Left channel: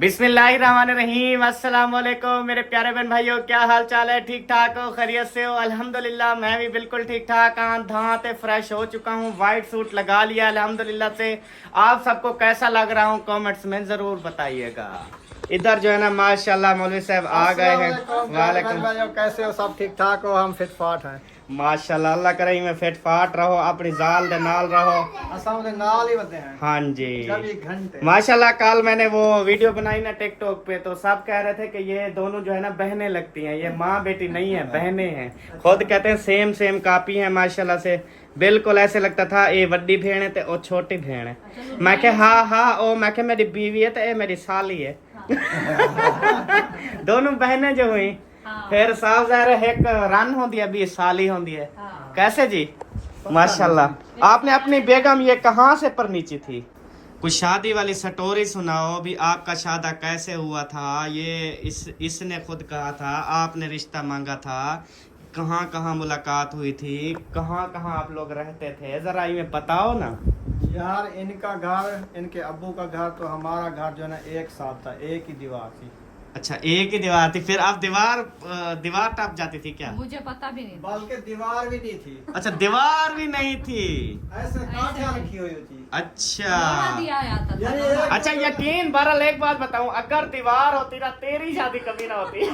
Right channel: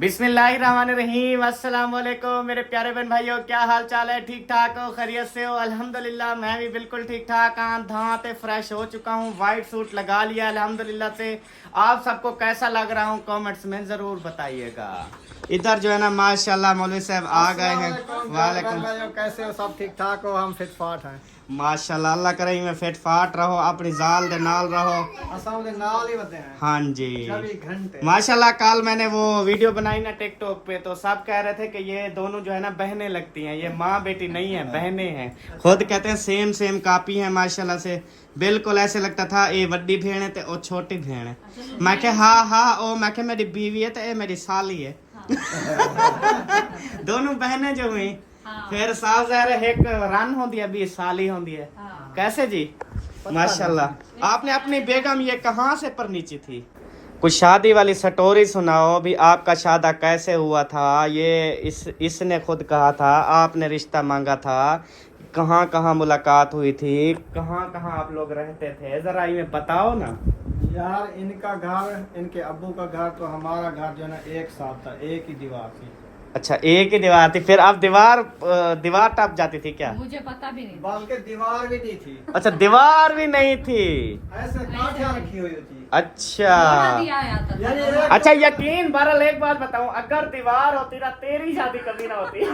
बिस्मिल्लाहिर्रहमानिर्रहीम। अस्सलाम वालेकुम मेरे प्यारे बहन भाइयों, क्या हाल चाल है? ठीक ठाक हो? खैरियत से हो? अल्हम्दुलिल्लाह मैं भी बिल्कुल ठीक ठाक। धाते फ्रेश हो चुका हूँ, वाइट सूट लगा लिया अल्हम्दुलिल्लाह से। आप सबको कैसा लग रहा हूँ कमेंट्स में जरूर बताइएगा। इधर जो है ना माशाल्लाह मौलवी साहब आ गए हैं। वालेकुम भाइयों, कैसे हो? सब ठीक ठाक हो? हम फिट फाट हैं माशाल्लाह। अल्लाह करे में फिट फाट रहो, अपनी जाल दे नाल रहो। असां दे नाल ही बंदे हैं हाँ जी 24 घंटे। माशाल्लाह। कल मैंने वो वीडियो बनाई ना टिकटॉक पे, तो सब कह रहे थे कि ये दोनों जो है ना बहनें लगती हैं, ये माँ बेटी नहीं है, बहनें हैं। खुद कहते हैं सेम सेम कापी है माशाल्लाह से। बिल्कुल ऐसे लगता था ये बड़ी भेड़ है और छोटी भेड़ है। मैं क्या हाँ ओ मैं क्या मेरी बीवी है तो ये मेरी साली है। दोनों बहनें जो हुई फिर साफ ज़ाहिर एक रन होती है, अभी साली होती है। कैसे जी माशाल्लाह। आपने अपनी बेगम ये कहाँ से परनीची थी? कुछ शादी वाली स्टोरी सुनाओ भी, आपका शादा कैसे हुआ था? ये इसने खुद कहा था, आपने रिश्ता मांगा था, कहाँ कहाँ मुलाकात हुई थी, कहाँ कहाँ आप लोग रहते थे, जरा ये बताओ ना यार। इनका घर, इनके अब्बू का घर तो हमारा घर जो है ना एक साथ था, एक ही दीवार थी। अच्छा एक ही दीवार थी, फिर आप दीवार टप जाती थी क्या? मुझे पता भी नहीं था। बल्कि दीवार भी नहीं थी। अच्छा दीवार भी नहीं थी। ऐसे कांटियां रखी हुई थी। अच्छा ये अच्छा यकीन बहरहाल एक बात बताऊं, अगर दीवार होती ना तेरी शादी कभी ना होती।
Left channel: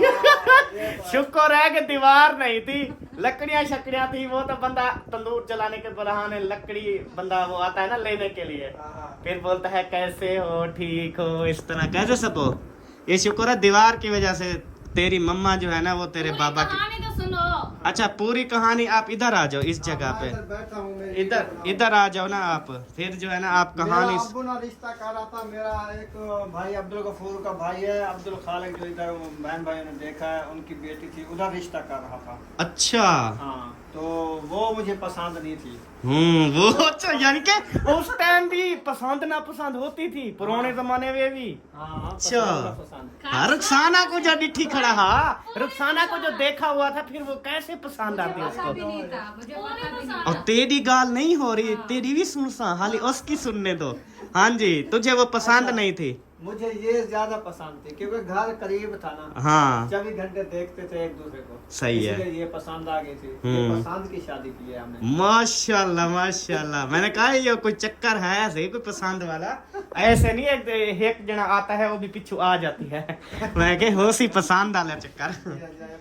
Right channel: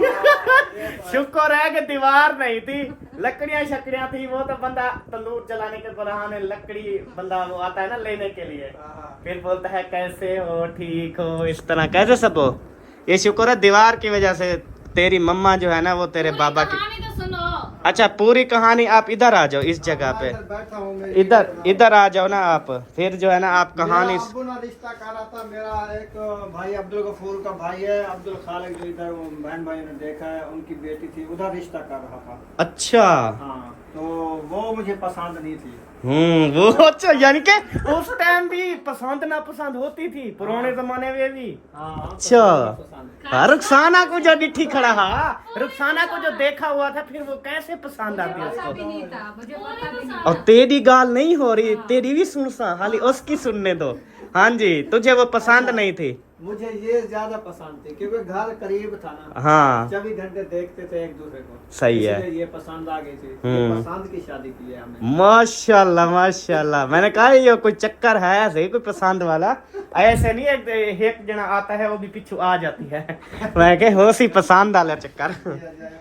शुक्र है कि दीवार नहीं थी, लकड़ियां शकड़ियां थी। वो तो बंदा तंदूर जलाने के बहाने लकड़ी बंदा वो आता है ना लेने के लिए, फिर बोलता है कैसे हो, ठीक हो, इस तरह कैसे सब हो। ये शुक्र है दीवार की वजह से तेरी मम्मा जो है ना वो तेरे बाबा की। तो सुनो। अच्छा पूरी कहानी आप इधर आ जाओ, इस जगह पे बैठा हूँ मैं। इधर आ जाओ ना आप, फिर जो है ना आप कहानी। मेरा अब्बू ना रिश्ता कर रहा था। मेरा एक भाई अब्दुल गफूर का भाई है, अब्दुल खालिक, जो इधर बहन भाई ने देखा है, उनकी बेटी थी, उधर रिश्ता कर रहा था। अच्छा हाँ, तो वो मुझे पसंद नहीं थी। वो अच्छा, यानी कि उस टाइम भी पसंद ना पसंद होती थी पुराने जमाने में भी। अच्छा हाँ, रुखसाना को जो डिठी खड़ा हा, रुखसाना को जो देखा हुआ था, फिर वो कैसे पसंद आती है पता भी उसको? नहीं था, मुझे पता भी नहीं और था। तेरी गाल नहीं हो रही, तेरी भी सुन सा, हाली उसकी सुनने दो। हाँ जी, तुझे वो पसंद नहीं थी? मुझे ये ज्यादा पसंद थी क्योंकि घर करीब था ना। हाँ 24 घंटे देखते थे एक दूसरे को। सही है। इसलिए ये पसंद आ गई थी। ये पसंद की शादी की है हमने। माशाल्लाह माशाल्लाह। मैंने कहा ये कोई चक्कर है ऐसे कोई पसंद वाला, ऐसे नहीं एक जना आता है वो भी पीछू आ जाती है। मैं कह हो सी पसंद वाला चक्कर।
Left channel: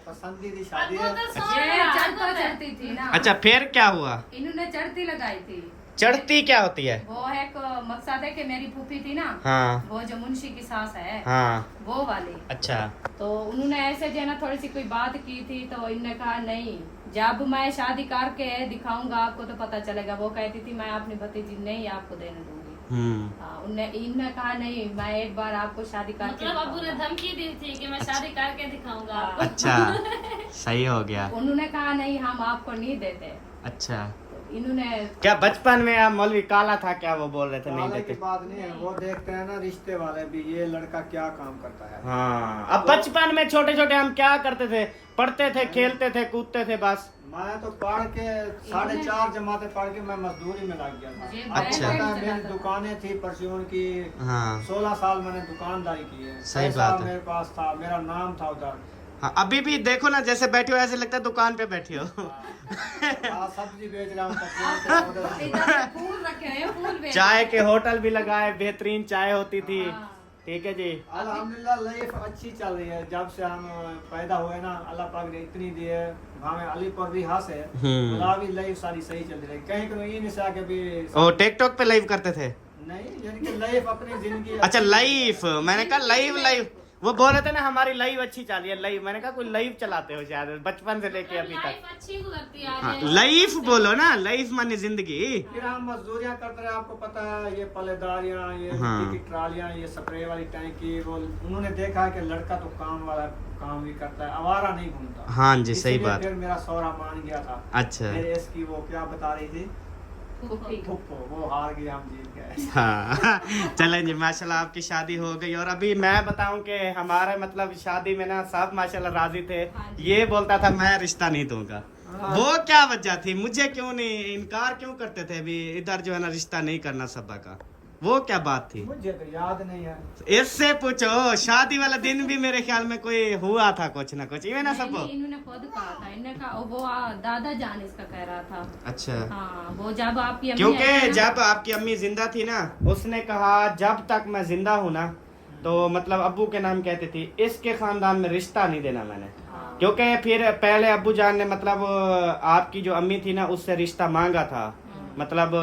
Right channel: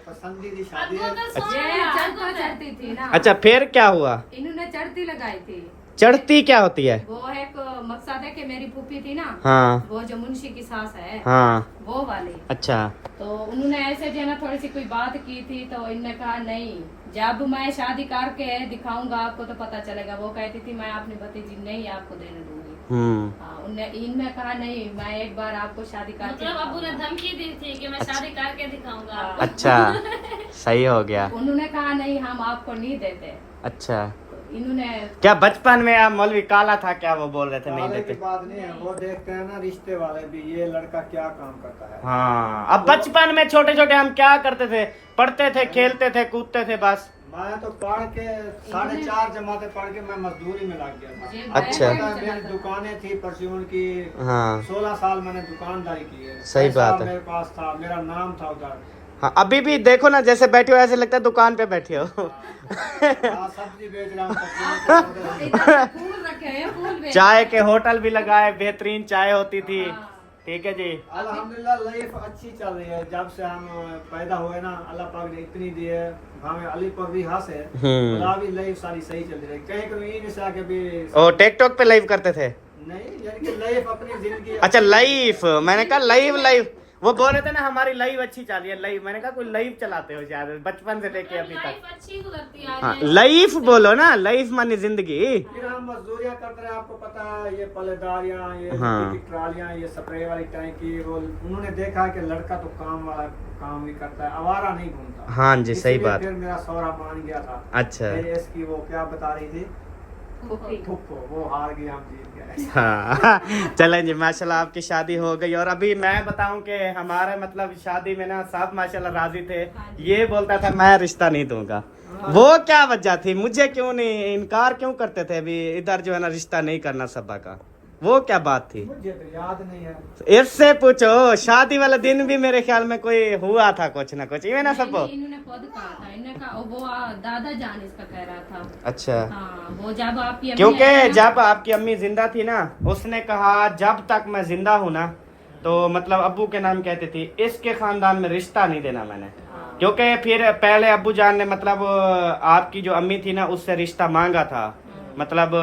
पसंद की शादी है। ये चढ़ती थी ना। अच्छा फिर क्या हुआ? इन्होंने चढ़ती लगाई थी। चढ़ती क्या होती है? वो एक मकसद है कि मेरी फूफी थी ना, हाँ वो जो मुंशी की सास है, हाँ वो वाली। अच्छा तो उन्होंने ऐसे जो है ना थोड़ी सी कोई बात की थी, तो इनने कहा नहीं, जब मैं शादी करके दिखाऊंगा आपको तो पता चलेगा। वो कहती थी मैं अपनी भतीजी नहीं आपको देने दूंगी। हाँ, इनने कहा नहीं, मैं एक बार आपको शादी करके मतलब अबू ने धमकी दी थी कि मैं शादी करके दिखाऊंगा आपको। अच्छा सही हो गया। उन्होंने कहा नहीं हम आपको नहीं देते। अच्छा तो इन्होंने क्या बचपन में आप मौलवी काला था क्या, वो बोल रहे थे नहीं वाले की देते? बात नहीं है, वो देखते हैं ना रिश्ते वाले भी, ये लड़का क्या काम करता है। हाँ अब बचपन में छोटे छोटे हम क्या करते थे, पढ़ते थे, खेलते थे, कूदते थे बस। मैं तो पढ़ के 4.5 जमाते पढ़ के मैं मजदूरी में लग गया था। अच्छा। मेरी दुकानें थी परचून की। हाँ 16 साल मैंने दुकानदारी की है। सही पैसा बात है। मेरे पास था, मेरा नाम था उधर। हाँ अभी भी देखो ना जैसे बैठे हो ऐसे लगता है दुकान पे बैठे हो। सब्जी बेच रहा हूँ परचून के उधर। इधर फूल रखे हैं, फूल बेच चाय रहे के होटल भी लगाए, बेहतरीन चाय होती थी। ठीक है जी। अल्हम्दुलिल्लाह लाइफ अच्छी चल रही है। जब से हम पैदा हुए ना, अल्लाह पाक ने इतनी दी है हमें, अली पर भी हंस है। भी लाइफ सारी सही चल रही है। कहीं कहीं नहीं से आके भी ओ टिकटॉक पे लाइव करते थे? नहीं, यानी कि लाइफ अपनी जिंदगी। अच्छा लाइव, मैंने कहा लाइव वो बोल रहे थे ना हमारी लाइव अच्छी चल रही है। लाइव मैंने कहा कोई लाइव चलाते हो शायद बचपन से लेके अभी तक। लाइफ अच्छी गुजरती है। हाँ लाइफ बोलो ना, लाइफ मानी जिंदगी। फिर हम मजदूरियाँ करते रहे, आपको पता है, ये पलेदारियाँ, ये हाँ। मिट्टी की ट्रालियाँ, ये स्प्रे वाली टैंकी। वो उन्होंने देखा कि लड़का तो काम वाला काम भी करता है, आवारा नहीं घूमता। हाँ जी सही इसलिए बात। फिर मेरा सौरा मान गया था। अच्छा फिर इसकी वो क्या बता रही थी, फूफी। फुप्पो, वो हार गई, हम जीत गए। हाँ चलें जी माशाल्लाह आपकी शादी हो गई। और अभी मैं बताऊं कि हमारे मतलब शादी में ना सब माशाल्लाह राजी थे। ये बोलता था मैं रिश्ता नहीं दूंगा, वो क्या वजह थी, मुझे क्यों नहीं इनकार क्यों करते थे? अभी इधर जो है ना रिश्ता नहीं करना सबा का, वो क्या बात थी? मुझे तो याद नहीं है। इससे पूछो, शादी वाला दिन भी मेरे ख्याल में कोई हुआ था कुछ ना कुछ, ये ना सब। नहीं, इन्होंने खुद कहा था, इन्होंने कहा वो दादा जान इसका कह रहा था। अच्छा। हाँ, वो जब आपकी अम्मी क्योंकि आई ना- जब आपकी अम्मी जिंदा थी ना, उसने कहा जब तक मैं जिंदा हूँ ना, तो मतलब अब्बू के नाम कहती थी, इसके खानदान में रिश्ता नहीं देना मैंने। क्योंकि फिर पहले अब्बू जान ने मतलब आपकी जो अम्मी थी ना, उससे रिश्ता मांगा था। मतलब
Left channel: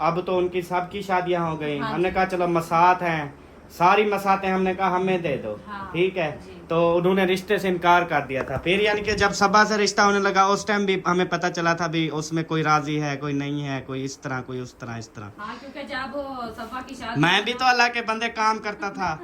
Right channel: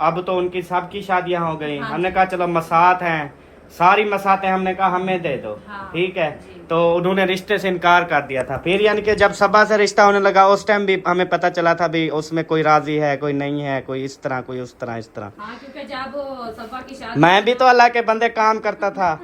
अब तो उनकी सबकी शादियां हो गई। हाँ। हमने कहा चलो मसात हैं, सारी मसातें हमने कहा हमें दे दो। हाँ। ठीक है, जी। तो उन्होंने रिश्ते से इनकार कर दिया था। फिर यानी कि जब सबा से रिश्ता होने लगा, उस टाइम भी हमें पता चला था भी उसमें कोई राजी है, कोई नहीं है, कोई इस तरह, कोई उस तरह, इस तरह। हाँ, क्योंकि जब सफा की शादी मैं भी तो अल्लाह के बंदे काम करता था,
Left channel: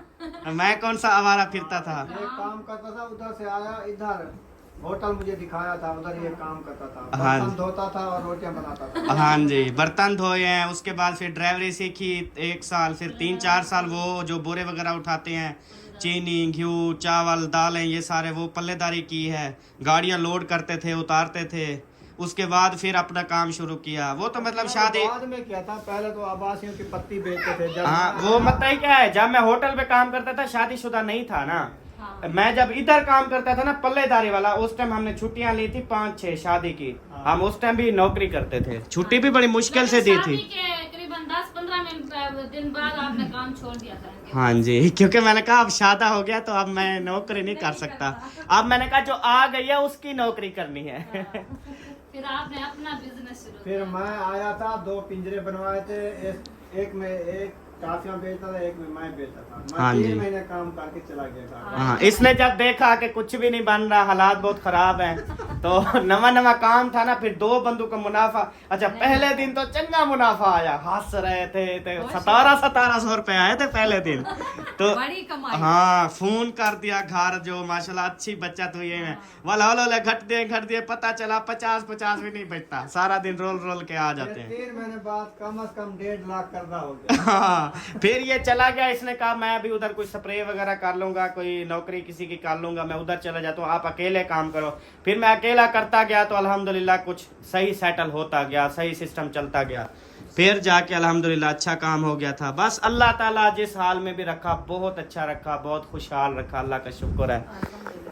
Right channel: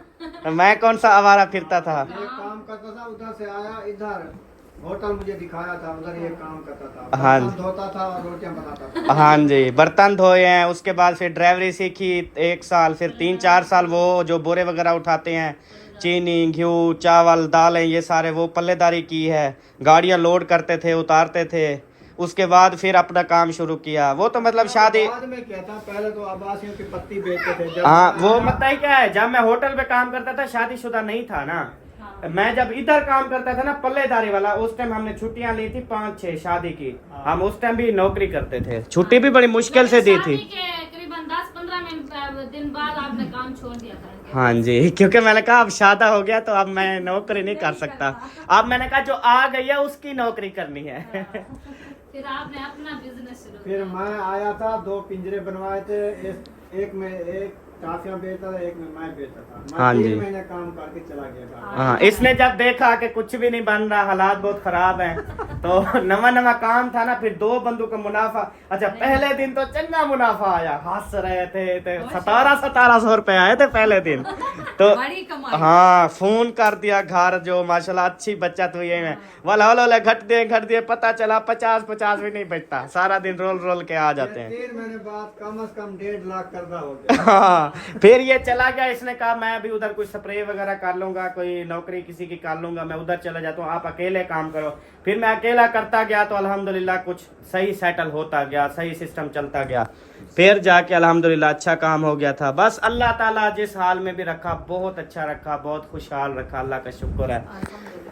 मैं कौन सा आवारा फिरता था। एक काम करता था, उधर से आया, इधर होटल मुझे दिखाया था, उधर ये काम करता था, हाँ। बर्तन धोता था और रोटियां बनाता था। हाँ जी, बर्तन धोए हैं, उसके बाद फिर ड्राइवरी सीखी 1 साल, फिर 3-4 साल वो जो बोरे वगैरह उठाते हैं, चीनी, घी, चावल, दालें, ये सारे वो पल्लेदारी की है। गाड़ियाँ लोड करते थे, उतारते थे। उसके बाद फिर अपना काम शुरू किया। वो तो मतलब शादी, बाद में क्या था, पहले तो आवासियों की पत्ती बेचते थे। जब हाँ वो मतलब क्या है, जब मैं होटल पे काम करता था, शादीशुदा नहीं था ना, मैं जब इधर काम करता था ना पल्लेदारी वाला, उस टाइम हमने छुट्टियां ली थी 5-6 शादी की। हम उस टाइम भी नौकरी करते थे, छुट्टी भी बड़ी मुश्किल से दी थी। शादी के करीबन 10-15 दिन बाद आपने काम छोड़ दिया था। हाँ जी, क्योंकि मैंने कहा अब शादा हो गया तो अब मैं नौकरी नहीं कर सकता। अब मैंने कहा जो आ गई है उसकी नौकरी करनी है। फिर आपने अपना बिजनेस शुरू फिर मैं आया था, 2 पिंजरे बनवाए थे, एक में एक काफियां बेचता था, एक में मैं बेचता था। मैं हाँ 3 जी। महीने काम करके चला गया था। हाँ, इसने जब देखा कि कुछ भी नहीं बन रहा, हालात बहुत खराब हैं, तो नवा काम था ना, फिर 2 बंदों का मुनाफा। अच्छा, पहले दिन तो चंगा मुनाफा आया, हंस रहे थे, 1700 रुपए आए थे पहले दिन तो। बड़ी कमाई। हाँ, फोन कर दिया घर, जो माशाल्लाह अच्छी बचत हुई है। वाला घट दिए, पता चला 50 भी नहीं बचता, सारा दिन रोल के आ जाते हैं। 3 महीने बाद कम से कम 1.5 लाख कर्जा हो गया। हाँ, फिर ये चला गया। इसने कहा मैं भी उधर कोई स्प्रे वगैरह कर लूंगा, कोई नौकरी किसी की कर लूंगा, मैं उधर चला जाता हूँ, आप अकेले काम करो। फिर मैं अकेला करता गया तो अल्हम्दुलिल्लाह कुछ सही सेटल होता गया, सही सिस्टम चलता गया। फिर जाके अल्हम्दुलिल्लाह अच्छा काम हो गया था। बस अल्लाह ताला जिस हाल में भी रखा, बहुत अच्छा रखा, बहुत खुशहाल रखा, अल्लाह का शुक्र है।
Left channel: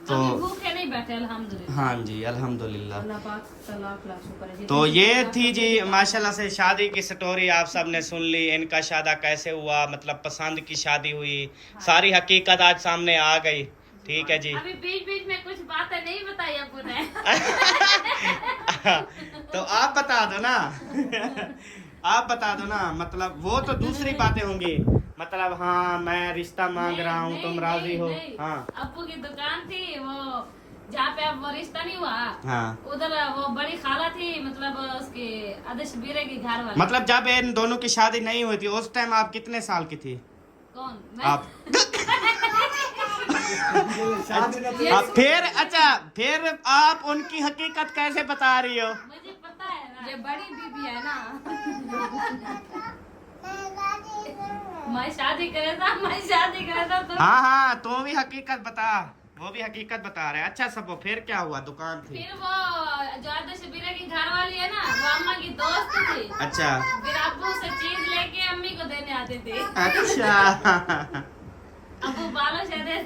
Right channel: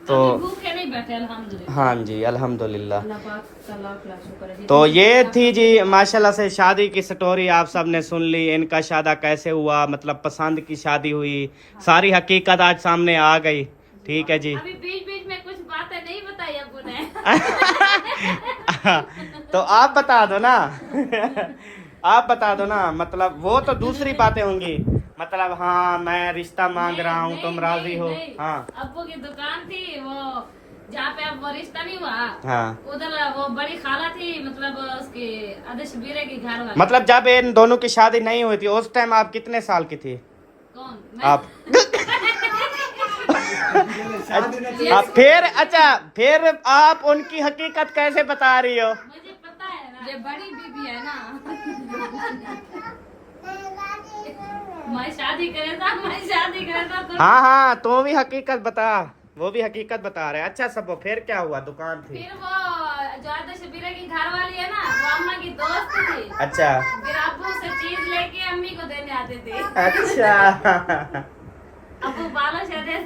तो तो भूखे नहीं बैठे अल्हम्दुलिल्लाह। हाँ जी, अल्हम्दुलिल्लाह। अल्लाह पाक का लाख लाख शुक्र है। तो ये थी जी माशाल्लाह से शादी की स्टोरी, आप सबने सुन ली। इनका शादा कैसे हुआ, मतलब पसंद की शादी हुई, सारी हकीकत आज सामने आ गई। ठीक है जी। अभी बीच में कुछ बातें नहीं बताई अब्बू ने। तो आप बता दो ना। आप बता दो ना, मतलब वो तो दूसरी बातें होंगी, मतलब हाँ मैं रिश्ता मांग रहा हूँ, तुम राजी हो। हाँ अब्बू की दुकान थी वो, जहाँ पे अब वो रिश्ता नहीं हुआ, हाँ, उधर वो बड़ी खाला थी, मतलब उसके आदर्श बीरे के घर वाले। मतलब जब इन दोनों की शादी नहीं हुई थी, उस टाइम आप कितने साल की थी? कौन मैं? आप शादी ने फिर आप उनकी हकीकत कैसे बता रही हो? मुझे पता है ना। ये बड़ी बीबी है ना। मैं शादी करे था तो हाँ, तो भी हकीकत बता, वो भी हकीकत बता रहे हैं। अच्छा सब, फिर क्या हुआ? दुकान थी। फिर वो जो आदर्श बीरे की घर वाली है ना, वो अम्मा की दोस्त थी। अच्छा फिर अब्बू से चीज लेके अम्मी को देने आते थे। अच्छा। अब्बू बालों से दे।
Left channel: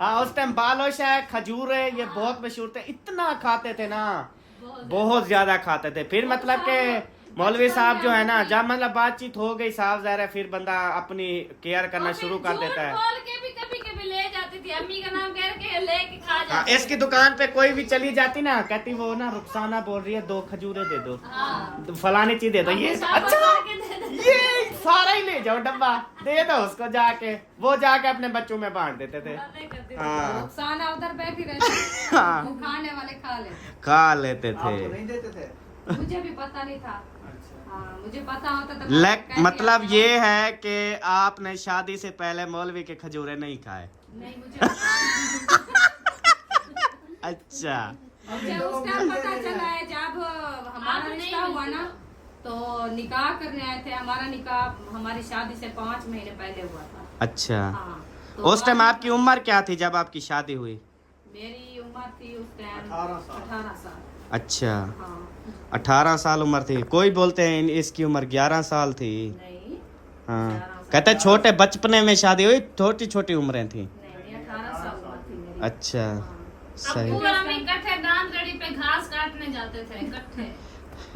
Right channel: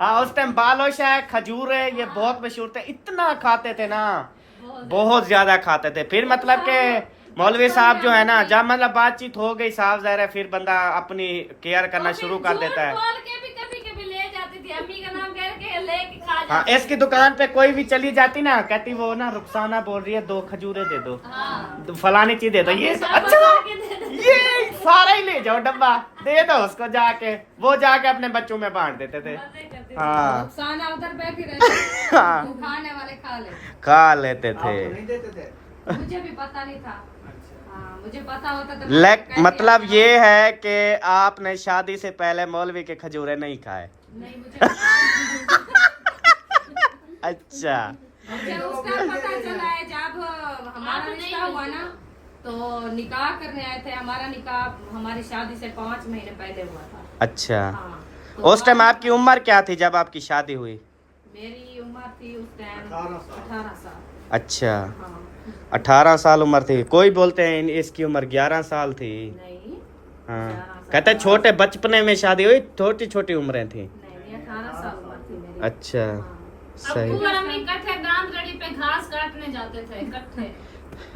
हाँ, उस टाइम बालोशाह, खजूरे ये बहुत मशहूर थे, इतना खाते थे ना, बहुत ज्यादा खाते थे। फिर मतलब के मौलवी साहब जो है ना, जब मतलब बातचीत हो गई, साफ ज़ाहिर है फिर बंदा अपनी केयर करना शुरू कर देता है। बोल के भी कभी ले जाती थी, अम्मी का नाम करके लेके खा हाँ, जाती। इसकी दुकान पे कोई भी चली जाती ना, कहती वो ना रुखसाना बोल रही है 2 खजूरे दे दो, हाँ। फलानी चीज दे दो। ये अच्छा, ये सारा ही ले जाओ डब्बा, दे दो उसको जाके, वो जाके अपने बच्चों में बांट देते थे। हाँ रुखसाना उधर बैठी रहती, हाँ, वो खाने वाले खा ले। खा लेते आपको थे। नहीं देते थे? मुझे भी पता नहीं था। हाँ, मुझे पता होता तो लेकिन मतलब ये है कि आपने शादी से पहले मौलवी के खजूरे नहीं खाए। नहीं, मुझे अच्छा मुझे उसका पता चला है जब हमारा रिश्ता हुआ ना, तो निकाह करने आए थे। हमारा निकाह हमारी शादी से 5 महीने पहले हुआ था। अच्छा, हाँ, तो उस टाइम आपकी उम्र क्या थी जब आपकी शादी हुई? मेरी उम्र थी उस टाइम 18 साल। 18 साल। अच्छा, हाँ, 18 साल उम्र थी, कोई बोलते हैं इसकी उम्र 11 साल थी। नहीं हाँ 11 साल। कहते हैं छोटे बचपने में शादी हुई, छोटी छोटी उम्रें थी। नहीं 18 साल उम्र थी मेरी। अच्छा सही। अब्बू और अम्मी इकट्ठे दांतगढ़ी पे घास काटने जाते थे इकट्ठे।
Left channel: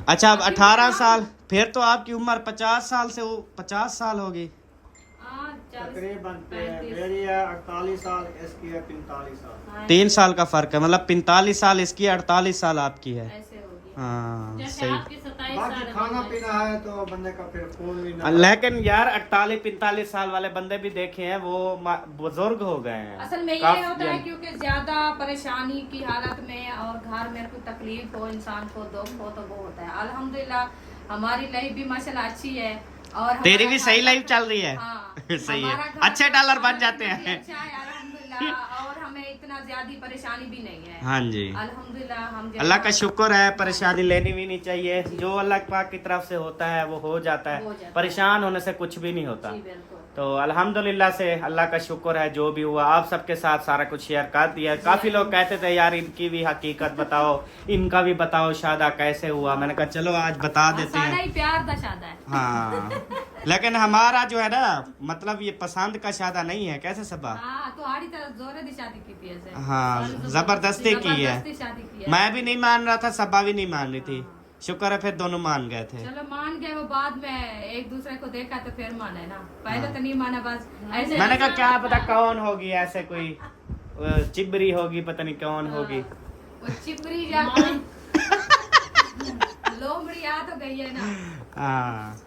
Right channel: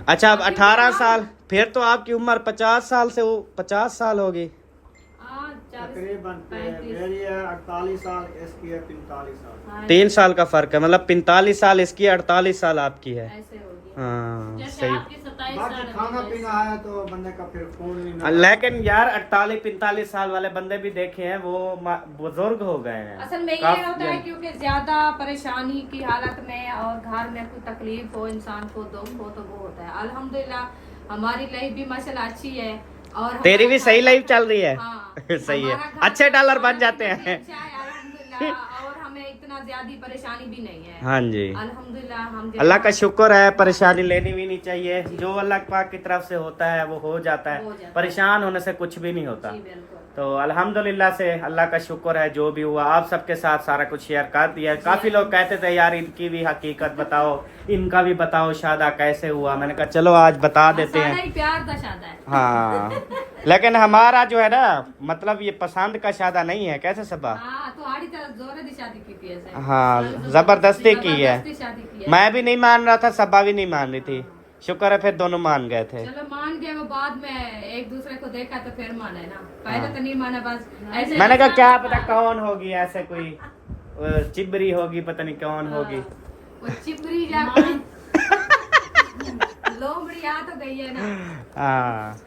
अच्छा अब 18 साल, फिर तो आपकी उम्र 50 साल से 50 साल होगी। हाँ 40 तकरीबन 35। मेरी है 48 साल, इसकी है 45 साल। हाँ, 3 साल का फर्क है, मतलब 45 साल इसकी, 48 साल आपकी है। ऐसे हो गया। हाँ जैसे सही। आपकी 27 बाकी साल खाना है, पीना है तो बंदे का फिर खून भी नहीं। लेकिन यार 48-45 साल वाले बंदे भी देखे हैं, वो बुजुर्ग हो गए हैं। असल में ये काफी- होता है क्योंकि ज्यादा परेशानी की हालत में और घर में कोई तकलीफ हो, इंसान को दुख हो तो वो होता है। अल्हम्दुलिल्लाह हमारी लाइफ भी माशाल्लाह अच्छी है और तेरी भी हमारा सही घर- लाइफ चल रही है। हाँ, सही है, हमारा घर अच्छे डॉलर बन खाना जाते पीना भी हैं। अच्छा है अल्हम्दुलिल्लाह, और हमें इतना ज्यादा परेशानी भी नहीं है। हाँ जी, अल्हम्दुलिल्लाह हम अल्लाह का शुक्र है, परेशानी लेनी भी नहीं चाहिए। जो अल्लाह पाक की तरफ से होता है वो हो जाता हो है, जाता है। परेशान होने से कुछ भी नहीं होता। जी बिल्कुल। तो अल्हम्दुलिल्लाह से अल्लाह का शुक्र है, जो भी हुआ आप सबके साथ सारा कुछ शेयर कर दिया। काफी लोग कहते थे यार इनकी भी हकीकत बताओ, इनका भी बताओ शादा कैसे हुआ। मैंने कहा चलो आज बता देते सारा हैं। ही प्यार का शादा है। हाँ लेकिन हमारा जो है ना, मतलब ये पसंद का शादा नहीं है। कैसे सबा? हाँ तो आड़ी तरह जोरे दी शादी की थी ऐसे। हाँ जबरदस्ती की है। जबरदस्ती शादी की है। मैं भी नहीं मान रहा था, सबा भी नहीं मान रही थी। शुक्र है फिर दोनों मान गए थे। चलो मान गए, वो बाद में एक दूसरे को देखा तो फिर माने ना, पहले तो नहीं माना बस ऐसे। मैंने कहा क्या पता कौन होगी, ऐसे कोई चिबरी होगी, पता नहीं कौन होगी। वो चिपरी जाके लोमड़ी आ तो गई है ना। हाँ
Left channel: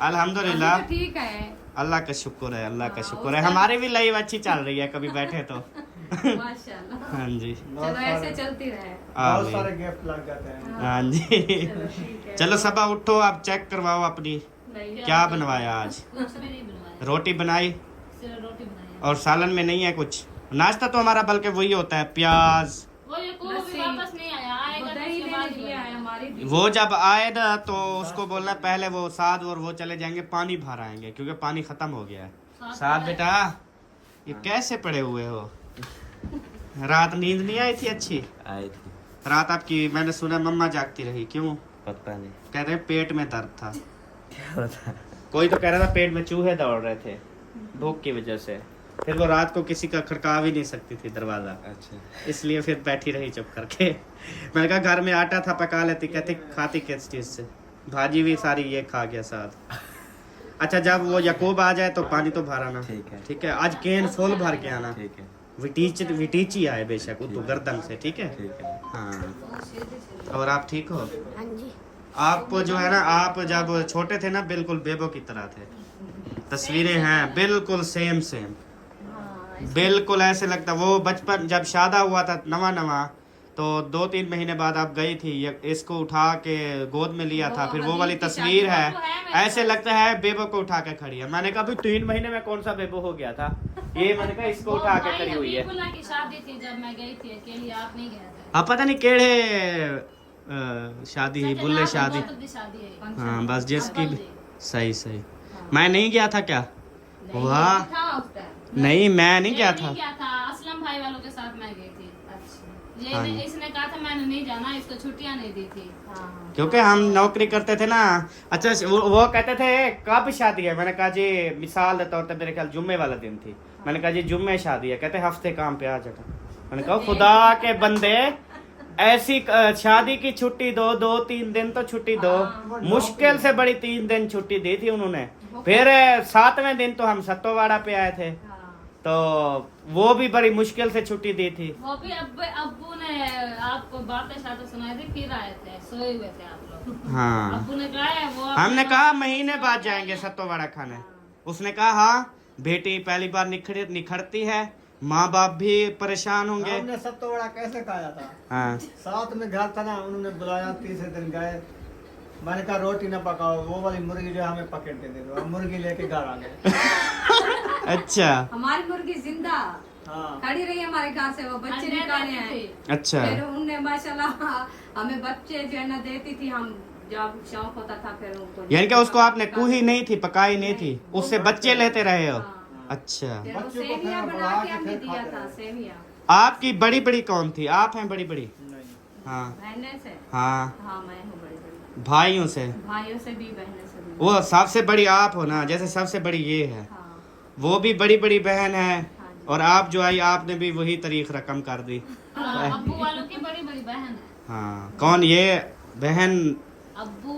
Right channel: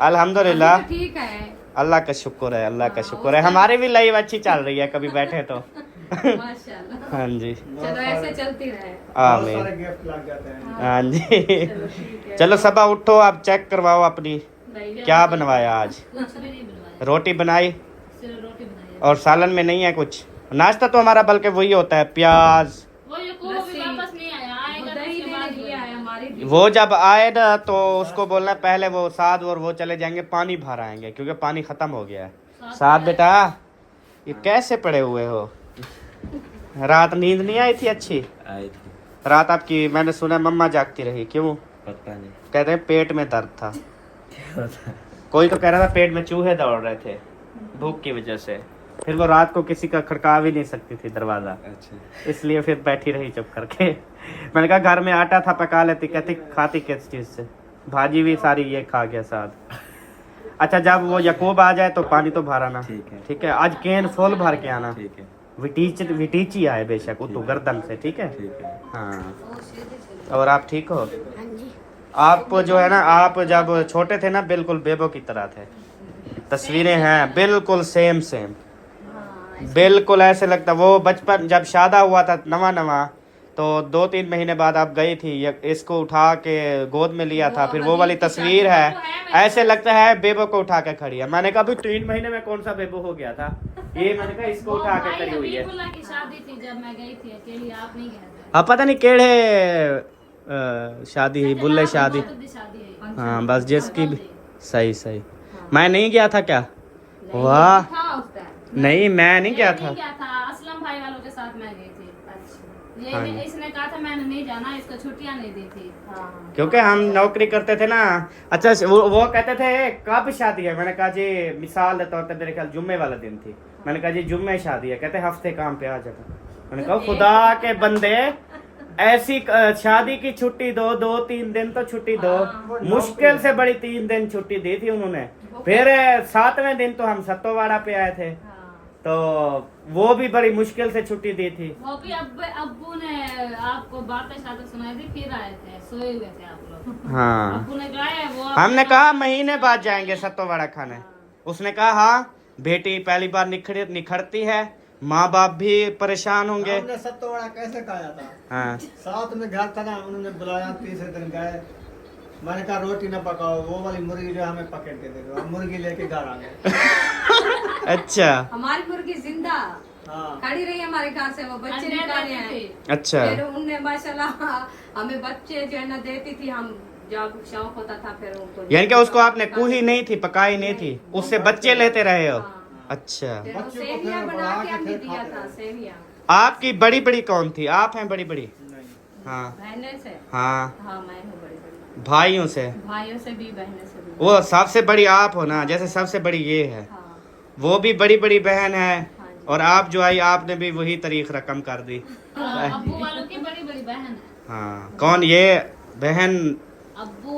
अल्हम्दुलिल्लाह, अभी तो ठीक है अल्लाह का शुक्र है, अल्लाह का हाँ, शुक्र है। हमारी भी लाइफ अच्छी चल रही है, कभी बैठे तो। माशाल्लाह। हाँ जी, चलो ऐसे चलती रहे। बहुत आमीन। सारे गिफ्ट लग जाते हैं। हाँ जी चलो ठीक है। चलो सबा उठो, आप चेक करवाओ अपनी, नहीं, क्या बनवाया आज? कुछ भी नहीं बनवाया, रोटी बनाई सिर्फ रोटी बनाई। और सालन में नहीं है कुछ। नाश्ता तो हमारा बल्कि वही होता है, प्याज। वो ये को भी लस्सी। वापस नहीं आया, वो आएगा तो दही उसके बाद लेने लिए आए हमारी भी। वो जब आए ना तो उसको बोलना पहले वो साद और वो चले जाएंगे, पानी भर आएंगे क्योंकि पानी खत्म हो गया है। साद बेटा ये कैसे पड़े हुए हो? रात नींद नहीं आई थी अच्छी? आई थी, रात आपकी मैंने सुना मम्मा जागती रही, क्यों? पता नहीं कहते हैं पेट में दर्द था। क्या होता है। कोई तो कह रहा था पेट में चूहे दौड़ रहे थे भूख की वजह से। फिर वो रात को किसी का खड़का भी नहीं सकती थी दरवाजा, अच्छा, इसलिए फिर बैठी रही चुप करके। मैंने कहा घर में आटा था पका लेती, कहती खाती किस चीज से? भाजी भी सारी ये खा गया साथ। अच्छा जब वो यकूब आ जाए तो पानी तो भर आना, ठीक है। ठीक है? आज केन फुल भर के आना। ठीक है, विटीची आए बेशक, वो तो गर्दन से, ठीक है? ठीक है। हाँ और आप ठीक हो? आप जो है ना, आप जब छोटे थे ना बिल्कुल बेबो की तरह थे। तस्वीरें हैं बिल्कुल सेम सेम, बिल्कुल ऐसे लगता। वो बचपन जब शादा हुआ था नवा नवा, तो 2-3 महीने बाद आप गई थी, इसको उठा के गोद में लिया था, फिर वो वाली तस्वीर है, ऐसे लगता है बेबो को उठा के खड़ी है। मैंने कहा अभी 3 महीने में कौन सा बेबो हो गया था ये? मैंने कहा इसको उठा के खड़ी हुई है। हबीबुल्लाह की शादी थी जब मैं गई थी अकेली, आप नहीं गए थे। हाँ पता नहीं केड़े शादी ही बुल्ले शादी। शादी है। हाँ बस जिसकी भी सही सही। मैं नहीं गया था क्या? वाह था उस टाइम। नहीं मैं नहीं गया था। नहीं गया था, असलम भाई वालों के साथ मैं गई थी। अच्छा। हाँ ये जी। इसने कहा था मैंने नहीं जाना, इसको छुट्टियां नहीं दी थी। हाँ क्योंकि हम नौकरी करते थे ना। अच्छा वो कहते थे कब शादी है? मैंने कहा जी मिसाल देता हूँ, मेरे ख्याल जुम्मे वाला दिन थी। मैंने कहा जी जुम्मे शादी है। कहते हफ्ते काम पे आ जाता। मैंने कहा खुदा के बंदे ऐसी शादी की छुट्टी दो, 2-3 दिन तो छुट्टी दो। मुश्किल से बड़ी 3 दिन छुट्टी दी थी उन्होंने। फिर 7वें दिन तो हम सत्तोवाड़ा पे आए थे, तो वो भी बड़ी मुश्किल से छुट्टी दी थी। वो भी अब्बू ने आपको बातें शादी सुनाई थी, फिर आए थे, सोए हुए थे आप लोग। हाँ अब्बू ने कहा वो हमने कहा महीने बाद जाएंगे सत्तोवाड़ा खाने। उसने कहा हाँ बेटी पहली बार निखरती है, माँ बाप भी परेशान होंगे। हमने सब तो बड़ा कैसे खाया था, हाँ साथ में घर था ना, उन्होंने बुलाया, तीसरे दिन गए। मैंने कहा रोटी ना पकाओ, वो वाली मुर्गी जो हमें पकड़ के दे दो। हम मुर्गी लेके घर आ गए। अच्छा हमारी मुर्गी जिंदा हाँ खड़ी रही हमारे घर से, वो बच्चे अंडे निकाले देती हैं। थी। अच्छा फिर उनने माशाल्लाह हमें बच्चे जो है ना देती थी, हम जब शौक होता था फिर उनको। यानी कि उसको आपने कुही नहीं थी, पकाई नहीं थी, उससे बच्चे लेते रहे हो? हाँ। अच्छा फिर वो बच्चों को सेवियां फिर बना बढ़ा के के हमने फिर दिया खाते था, रहे। सेवियां। आपकी बड़ी बड़ी कौन थी? आप हैं बड़ी बड़ी? नहीं। हाँ बहने से हाँ हाँ मैं हूँ बड़ी बड़ी, भाइयों से, भाइयों से भी बहने से भी। वो सबसे बड़ी आप हो ना, जैसे सबसे बड़ी ये है, हाँ वो भी बड़ी बड़ी बहन है, हाँ जी। और आप जो आई आपने भी वही तारीख रकम कर दी। अब्बू वालों की बड़ी बड़ी बहन है। हाँ कौन ये बहन? अब्बू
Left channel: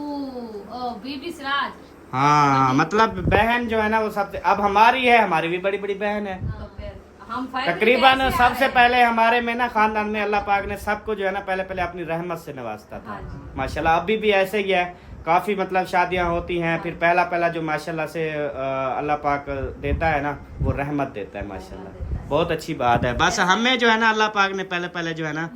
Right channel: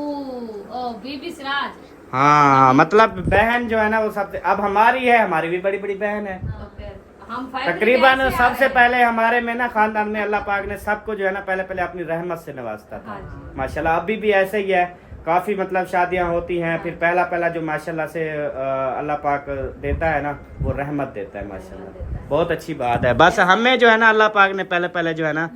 ओ बीबी सिराज। हाँ मतलब बहन जो है ना वो सबसे, अब हमारी है, हमारी भी बड़ी बड़ी बहन है। तो फिर हम फैमिली तकरीबन कैसे सबसे आए? पहले हमारे में ना खानदान में अल्लाह पाक ने सबको जो है ना पहले पहले अपनी रहमत से नवाजता था। हाँ जी। माशाल्लाह अभी भी ऐसे ही है, काफी मतलब शादियां होती हैं, फिर पहला पहला जो माशाल्लाह से अल्लाह पाक देता है ना वो रहमत देता है माशाल्लाह। बहुत अच्छी बात है। बस हमें जो है ना अल्लाह पाक ने पहले पहले जो है ना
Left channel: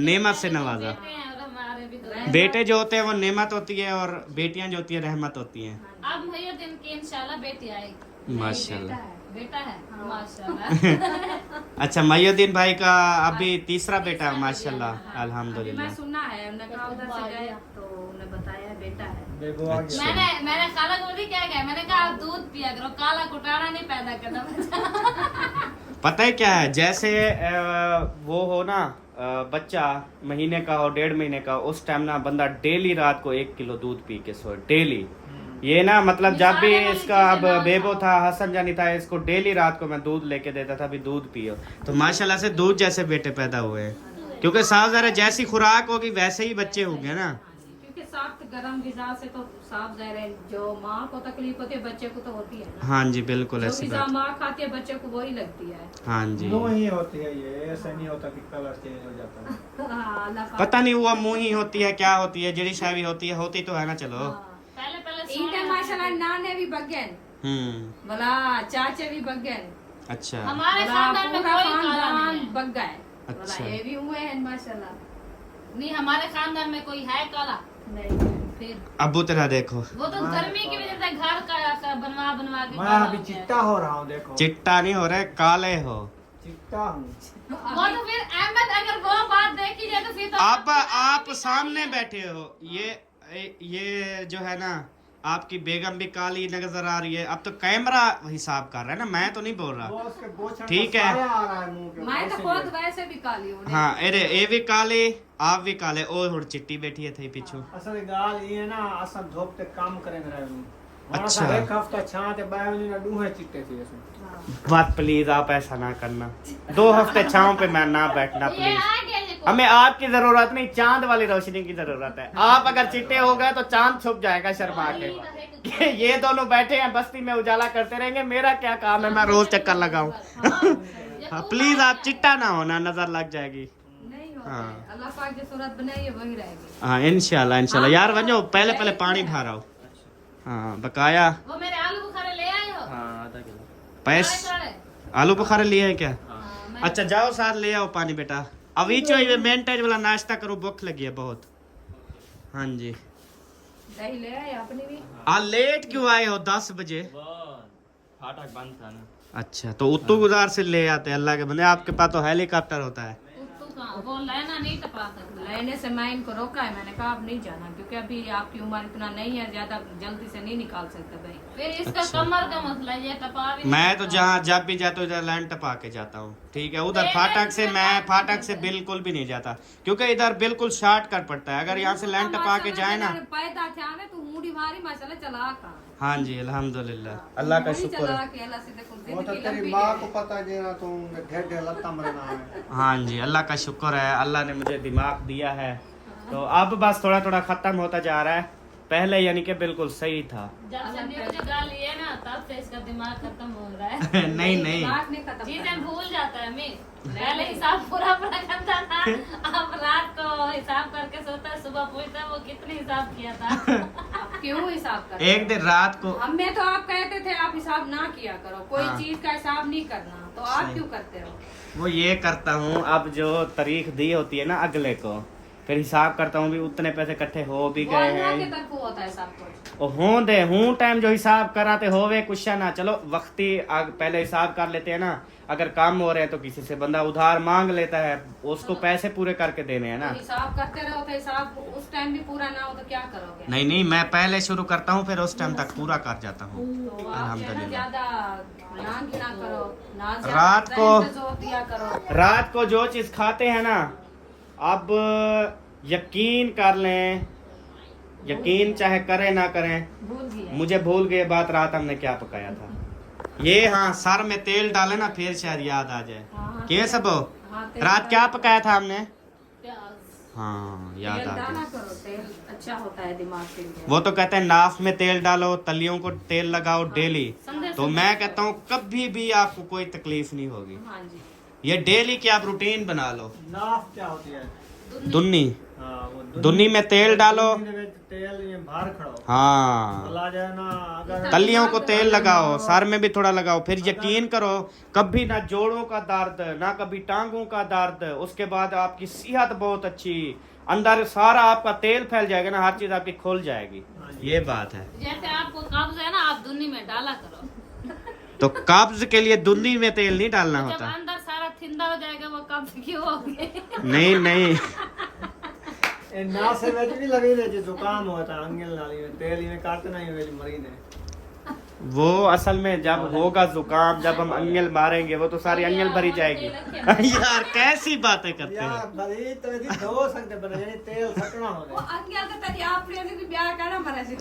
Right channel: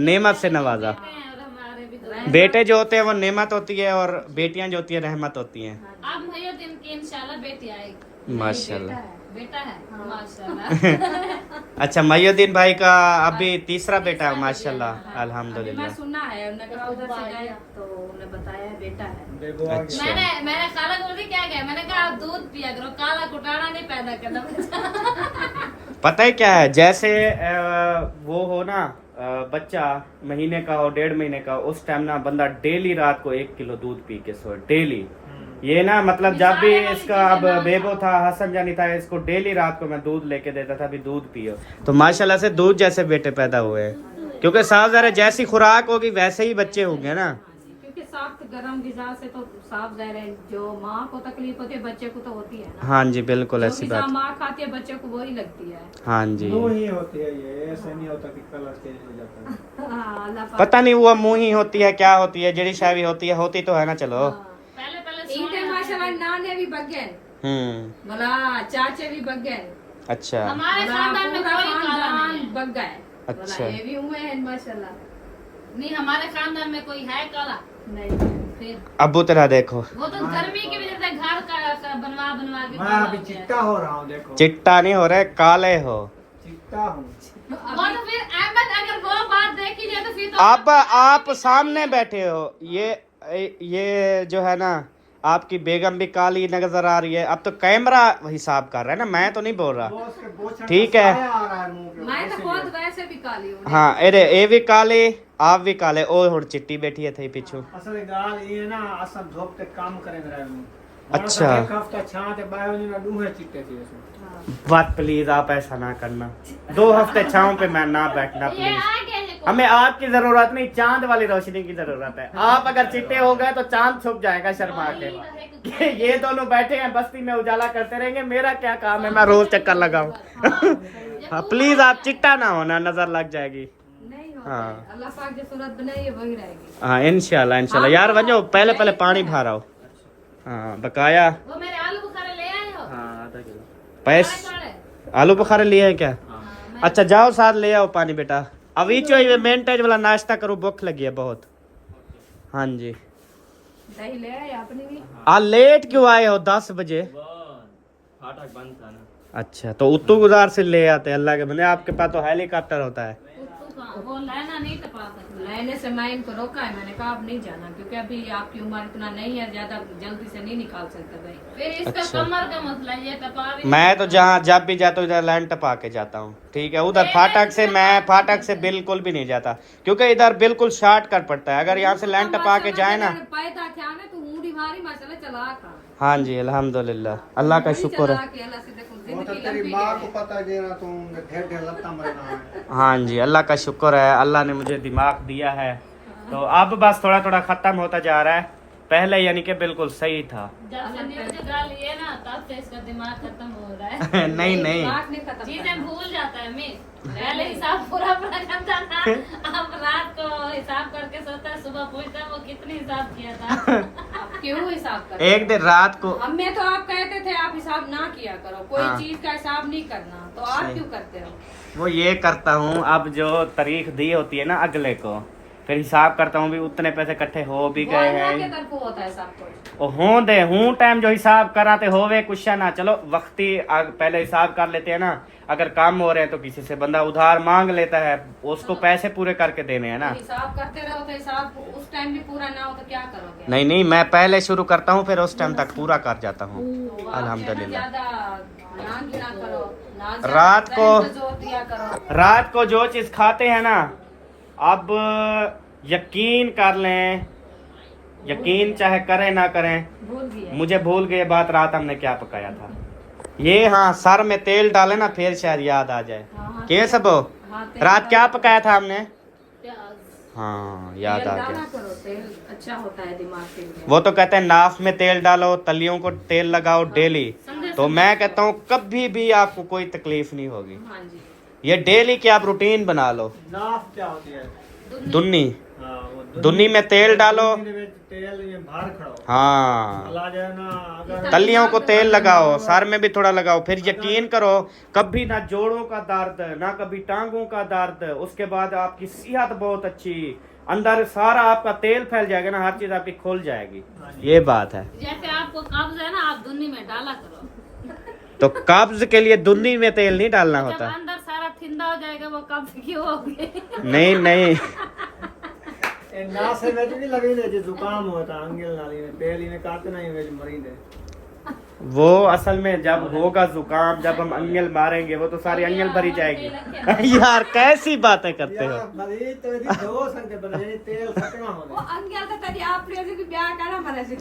नेमत से नवाजा। हमारे भी तो बेटे जो होते हैं वो नेमत होती है, और बेटियां जो होती है रहमत होती हैं। अब भैया दिन की इंशाल्लाह बेटी आएगी। माशाल्लाह। बेटा है माशाल्लाह। अच्छा मयुद्दीन भाई का अभी तीसरा बेटा है माशाल्लाह, अभी मैं अल्हम्दुलिल्लाह। सुना है, उन्होंने कहा उधर से गए तो उन्हें बताया बेटा है। देखो आगे। अच्छा। मैंने काला गोली क्या कहा, मैंने कहा आप दूध पिया करो, काला कुटाना नहीं पैदा करना बच्चा। पता है क्या है, जैसे वो हो ना बच्चा महीने का हो, 1.5 महीने का, उस टाइम ना बंदा डेली रात को 1 किलो दूध पी के सोए डेली। ये ना मतलब जब भी इसका अब बेबो था, हसन जानी था, इसको डेली रात को मैं दूध लेके देता था, भी दूध पियो। तो माशाल्लाह से दूध जैसे बेटे पैदा हुए हैं, क्योंकि साफ ज़रा जैसी खुराक होगी वैसे ही बच्चे होंगे ना। क्योंकि सख्त गर्म गिजा से तो साफ ज़ाहिर है जो माँ को तकलीफ होती है बच्चे को तो होती है ना। हाँ जी बिल्कुल जो ऐसी गिजा बात। माँ खाती है बच्चे को वही लगती है। हाँ जी यूं ही होती है ये, ऐसा नहीं होता कि कलर चेंज हो जाता है। हाँ, अल्लाह पाक। पता नहीं वो मुँह ही होती है क्या होती है, जड़ी सावी होती है, होती तो है ना। चलो पहले पहले इनके माशाल्लाह नाने भी बगैन, मला चाचे भी बगैन, अच्छा हमारे मला खानदान में पूरा कोई काला खानदान नहीं है। बग गए। अच्छा। ये भी हुए हैं माशाल्लाह। नहीं हमारे खानदान में कोई है काला नहीं फिर अबू तेरा देखो, वो तो गर्मी की वजह से घर का बनवा बनवा के मैं काला अभी हो गया है। चिट्टा हो रहा हूँ देखो। चिट्टा नहीं हो रहे, काले हो। चिट्टा हूँ। वो तो फिर अहमद अगर वो बात देखी जाए तो फिर तो अब आप सामने बैठे हो, ये जो है ना आपकी बेगम भी काली नजर आ रही है। अब तो कैमरा हिसाब कर रहा है ना, मैं तो नहीं बोल रहा। वो उसके बोछड़ ठीक का है। साया आ रहा है मुंह के मैं तो ऊपर, खुद इसीलिए। वैसे भी काली हूँ। हाँ अरे ये भी काले, आप भी काले। ओ हुण चिट्टी बैठी है थी पीछू। असल गाल ये ना असल धोप ते काम करेंगे रहे हूँ। अच्छा। एक हफ्ता छां ते बाय वने ना डूहे चिट्टे थी उसमें। बात प्लीज आप ऐसा ना करना, 2 हफ्ते छाँव पे मैं ना बैठना ये प्लीज। आ गया ये हमें आपकी जरूरत नहीं, चांद वाली रोशनी की जरूरत है। आप अगर चिट्टे हो गए तो चांद छुप जाएगा शर्मा के। ये दोनों बैठे हैं बस्ती में उजाला करते रहेंगे, मेरा क्या काम है, मैं रोज चक्कर लगाऊं। हाँ, प्लीज आप चिट्टा ना होना, नजर लग जाएगी। नहीं होता हाँ। है। अल्लाह पाक जो सूरत बनाई है वही रहेगी। हाँ इंशाल्लाह इंशाल्लाह। यार वजो पहले पहले पानी भराओ। हाँ बकाया वो मेरे आलू बुखारे ले आए हो आधा किलो। पैस थोड़े? आलू बुखारे लिए हैं क्या? अच्छा जाओ साथ ले आओ पानी बेटा। अभी चो मेंटेज वाला नाश्ता करो, भूख लगी है बहुत। हाँ जी। दही ले आए अपनी भी। लेट क्यों आए हो 10 बजे? फाटक बंद था ना। अच्छा तो उत्तू गुजार से ले आते, अल्लाह के बंदे आपके पास तो हेलीकॉप्टर होता है। कुत्तू का वो लेना नहीं टपा सकता। लेने से मैं इनको रोका है, मैंने कहा अब नहीं जाना क्योंकि अभी आपकी उम्र इतना नहीं है, ज्यादा जल्दी से नहीं निकाल सकते भाई। फिर इसका अच्छा। कमर का मसला ये टपा भी मैं तो जहाँ जब भी जाता हूँ इधर लाइन टपा के जाता हूँ, ठीक है। उधर फाटक से मैं फाटक से बिल्कुल भी नहीं जाता, क्योंकि इधर बिल्कुल शॉर्टकट पड़ता है। अगर यहाँ से लाइन टपा के जाए ना। पैदा थे आने तो ऊँडी भारी माशाल्लाह चला का। हाँ जी अल्हम्दुलिल्लाह, अल्लाह का शुक्र है। के अल्लाह से देखो वो तो जिंदगी तेरी लंबी माँ है। को पता देना तुम ढेर ढेर लत्ता मरना है। हाँ जी अल्लाह का शुक्र है, अल्लाह ने मुझे दिमाग दिया है। तो अब बस थोड़ा थोड़ा खत्म होता जा रहा है, पहले यानी कि बिल्कुल सही था। जब से न्यूज डाल लिए ना तब से इसका दिमाग खत्म हो रहा है। नहीं नहीं दिमाग नहीं खत्म चीजें करना। भूल जाता है मिस। पहले हिसाब पूरा पूरा करता था, अब रात को हिसाब करके सोता है, सुबह पूछता है वो कितनी हिसाब किया था। आप क्यों हिसाब करते? एक दिन रात को हमें तो आप कहते थे आप हिसाब ना किया करो, कोई हाँ। चीज का हिसाब नहीं करना, तो आप क्यों करते हो? वो ये करता हूँ, अब जो तारीख दी होती है ना अगले को, फिर हिसाब करता हूँ भी उतने पैसे इकट्ठे हो भी वो गए अल्लाह के हैं। तरफ होता है सब कुछ। और हों दे हूँ टाइम जो हिसाब कराते होवे कुछ ना, चलो वक्ती पहले हिसाब कर लेते हैं ना। अगर काम हो रहे हैं तो किसी से बंदा उधार मांग लेता है, उसको पैसे पूरे करके देने हैं ना। हिसाब करते रहो तो हिसाब उस टाइम भी पूरा ना हो तो क्या करोगे? नहीं नहीं मैं पहले शुरू करता हूँ, फिर उस टाइम तक पूरा कर जाता हूँ तो आप अल्हम्दुलिल्लाह। ज्यादा ना गिना करो, ना रात को- जोर दिया करो। रात को जो चीज खाते हैं ना, अब यकीन कर लें, यकीन चाहे करें ना करें, भूल गया। मुझे भूल गए बात रात हमने क्या पकाया था। ये हाँ, सर में तेल डाले ना फिर शायद याद आ जाए। हाँ, के सब हो? हाँ, तेल रात क्या पकाया था हमने? प्याज। हाँ याद आ डाला गया। करो, तेल अच्छा होता है दिमाग के लिए। वो तो कहते हैं नाफ में तेल डालो, तलियों को तेल लगाओ डेली। तो मैं कहता हूँ कभी भी आपको कोई तकलीफ नहीं होगी। हाँ जी। ये डेली की आप रूटीन बना लो। नाफ क्या होती है? दुन्नी, हाँ, वो दुन्नी में तेल डालो। दुन्नी में तेल में बाहर खड़ो। हाँ, चला जाए ना, अगर तलियों को तेल लगाओ, सर में भी थोड़ा लगाओ, फिर यकीन करो कभी ना जोड़ों का दर्द, ना कभी टांगों का दर्द। उसके बाद आपकी सेहत बहुत अच्छी, अंदर सारा आपका तेल फैल जाएगा ना, हर चीज आपकी खुल जाएगी। ये बात है। जैसे आपको कब्ज है ना, आप दुन्नी में डाला करो। तो कब्ज के लिए दुन्नी में तेल नहीं डालना जब होता। अंदर सारा थिंदा हो जाएगा वो कब्ज क्यों होगी? नहीं नहीं, ना से वेज भी लगी ले जो जुकाम होता है, अंगल नाली में तेल में काटते नहीं, वेज मरीज है। वो असल में जब होगा जुकाम, जब हम अंगल मारेंगे वो तो सारी अंगल भरी जाएगी। यार कैसी बातें करते हो। यार भली तो जी दो सकते बने तेल सकना वो होने। अंगल तो तेरी आप प्रिय की ब्याह करना मरे से।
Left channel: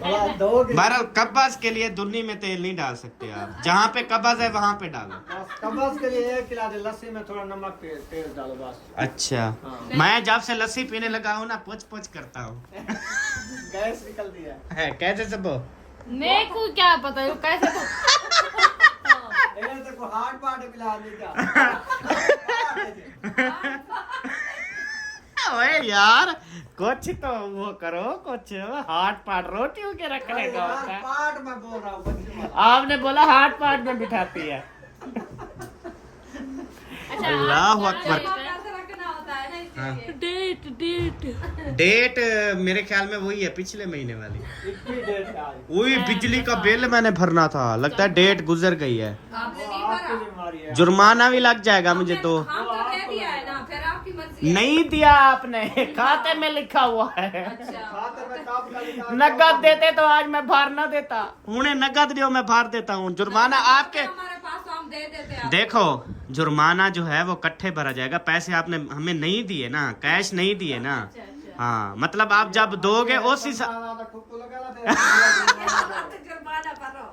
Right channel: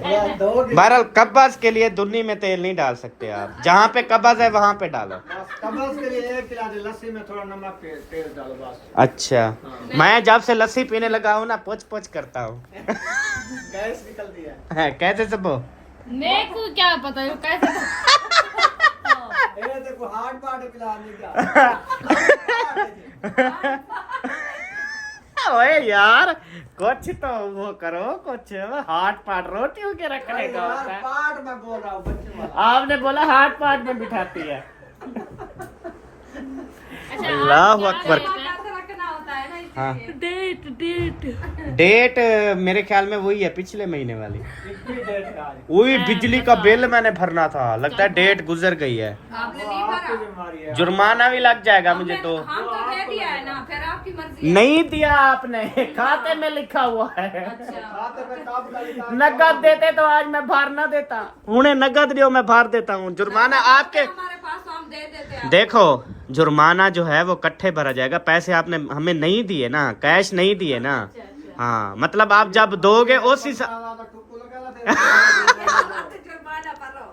यार दो बहरहाल कब्ज के लिए दुन्नी में तेल नहीं डाल सकते आप, जहाँ पे कब्ज है वहाँ पे डालो। कब्ज के लिए 1 गिलास लस्सी में थोड़ा नमक तेल डालो बस। अच्छा, मैं जब से लस्सी पीने लगा हूँ ना पोच पोच करता हूँ। गैस निकलती है। कैसे सब हो? मेरे को क्या पता है कैसे। ये देखो हार्ट पार्ट पिला दी क्या। ओए यार कुछ तो वो करो, कुछ हाथ पाट रोटियों के रखने का होता है। पार्ट में बोल रहा हूँ। आपने बोला हाथ पाट में बिठाती है। अल्लाह अकबर। रखना होता है ना हाँ। इसलिए। डेट मेरे ख्याल में वही है पिछले महीने वाली। कितनी देर का है? वही बिजली का बिल मैंने भरना था, लगता है डेट गुजर गई है। आपने नहीं आपकी भरा? जिम्मेदारी है। जुर्माना भी लग जाएगा मुझे तो। हम तो दे दिया है ना, फिर आपकी मर्जी है। नहीं दिया आपने, खाते में लिखा हुआ है। अच्छा। खाते पे कब डालेगा? नगद देते तो आज मैं भर ना देता। उन्हें नगद दियो मैं भर देता हूँ। जुर्माना आपके हमारे पास तो हम दे देते हैं। देखो, जुर्माना जो है वो इकट्ठे भरा जाएगा। पैसे आपने हमें नहीं दिए ना, कैश नहीं दिए ना। हाँ, मतलब आप जब दोगे उस हिसाब। जुर्माना भरो,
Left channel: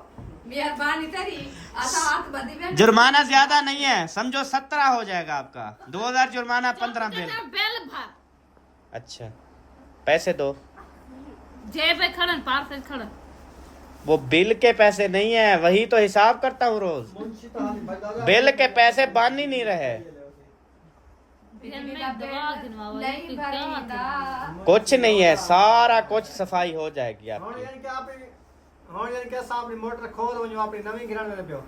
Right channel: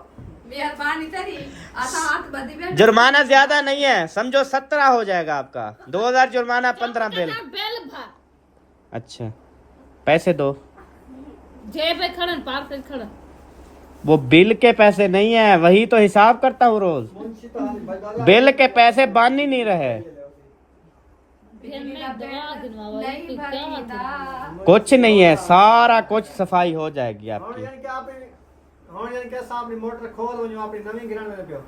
मेहरबानी तेरी। आधा हाथ बंदी में जुर्माना ज्यादा नहीं है, समझो 17 हो जाएगा आपका। 2000 जुर्माना, 15 बिल। बेल भर अच्छा, पैसे दो। जेब में खड़न पार्सल खड़न। वो बिल के पैसे नहीं है, वही तो हिसाब करता हूँ रोज। बिल के पैसे बांध ही नहीं रहे। फिर मैं दवा गिनवावा ये नहीं तो क्या भरी था? ना। कुछ नहीं है, सारा कुछ सफाई हो जाएगी हाँ आपकी। यानी कि आप हाँ यानी कि साहब ने मोटर खोल वो जो आपने नवी गिरन लगे हो।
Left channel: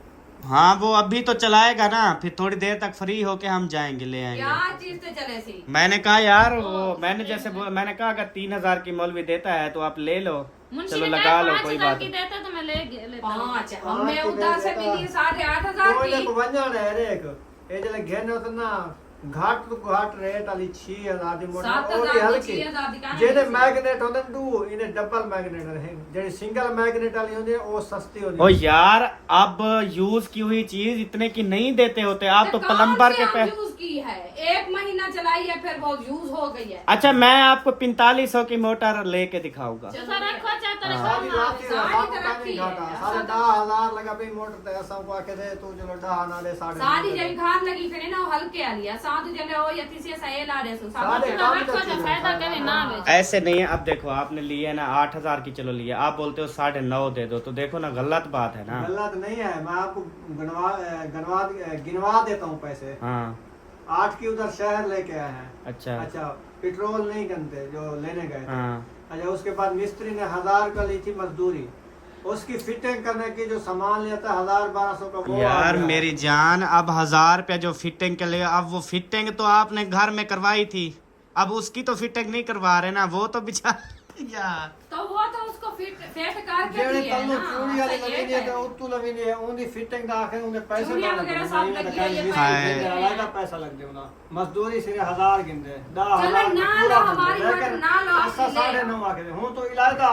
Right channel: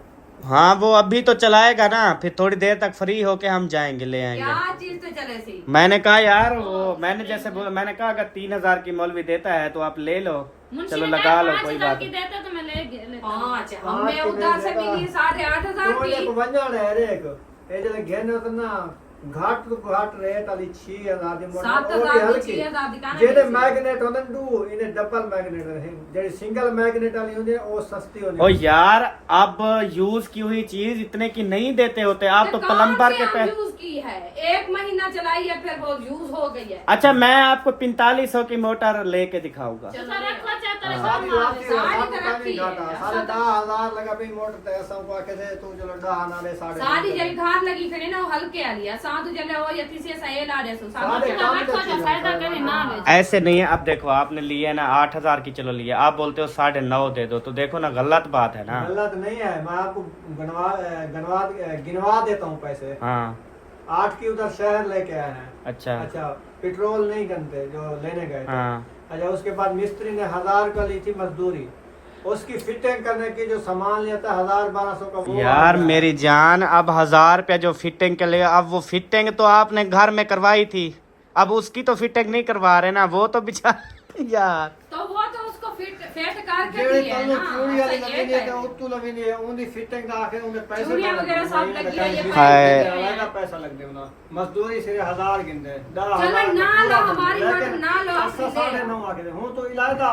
हाँ, वो अभी तो चलाएगा ना, फिर थोड़ी देर तक फ्री होके हम जाएंगे, ले आएंगे। क्या चीज तो चले सी। मैंने कहा यार वो मैंने जैसे बोला, मैंने कहा अगर 3000 की मौलवी देता है तो आप ले लो, मुंशी चलो ने लगा कहा लो, 5,000 कोई बात की नहीं। देता तो मैं लेता। 5 हमें उधर से मिली 8,500 तो की। एक वंजन है रे एक ए जले घेन होता ना घाट तो घाट रहे ताली 6000 दी मोटर 7,000 की 6,000 दिखाने जेडे की। मैग्नेट होने दू इने डबल मैग्नेट रहे जेडी सिंगल मैग्नेट वाली होती है वो सस्ती होती ओ यार, अब यूज की हुई चीज इतने की नहीं देते होते आप तो प्लम्बर के पे। यूज की है, 1 महीना चलाई है फिर वो यूज हो गई है। अच्छा, मैं आपको 4500 की मोटर लेके दिखाऊंगा। तो सर रखो चाहता है सारी रात की सारी रात तरह पानी की घाटा है। सारे 10,000 लगा पे मोटर ते सब को आके दे तू चलो 10 नाले साढ़े सारी जड़ी धान लगी खड़ी ना वो हल्के आ लिया साधु जले वो यति से सहे ला दे सो साढ़े साधु कम रखो जो फायदा कभी ना आवे। ऐसे नहीं है। अब देखो, आपने लिए ना 8000 की, चलो लिए, आप बोलते हो 9.5 दे दो, तो देखो ना गलत बात है ना। गलत नहीं है, मैं आपको गिनवा देता हूँ पैसे। हाँ 8 की उधर शहर लेके आए हैं। अच्छा। अच्छा, पेट्रोल नहीं गनते जो लेने गए थे। हाँ, अच्छा, उसके बाद मिस्त्री ने 1000 का ली थी मजदूरी, उसकी फिटिंग करने की जो सामान लेता 1000-1200 का वो आ यार गया। मेरी जान, अब 1000 रुपया जो फिटिंग के लिए, अब वो फिटिंग तो आपने घर में करवाई थी, अब उसकी तो फिटिंग नहीं करवा रहे ना, वो तो बेचारा यार। तो वो तो उसको फिट करके जेड़े दिए है तन्नू ना। चूड़ी वाली ऐसा लगी ये है तो है। उत्तू लगी नहीं है, उनकी फिटिंग दा आखिर उनके पैसे चूड़ियां बड़ा वगैरह लगे, सब नहीं लगी है, ये लगे, हाय। अलग पैसा लग गया ना, मजदूरी सिर्फ 1000 गिनते 10,000 चलो ना लो, हमारी लेकिन मोटर ना लो, ऐसा आपकी ले। 9.5 आके दे हूं तो इलाका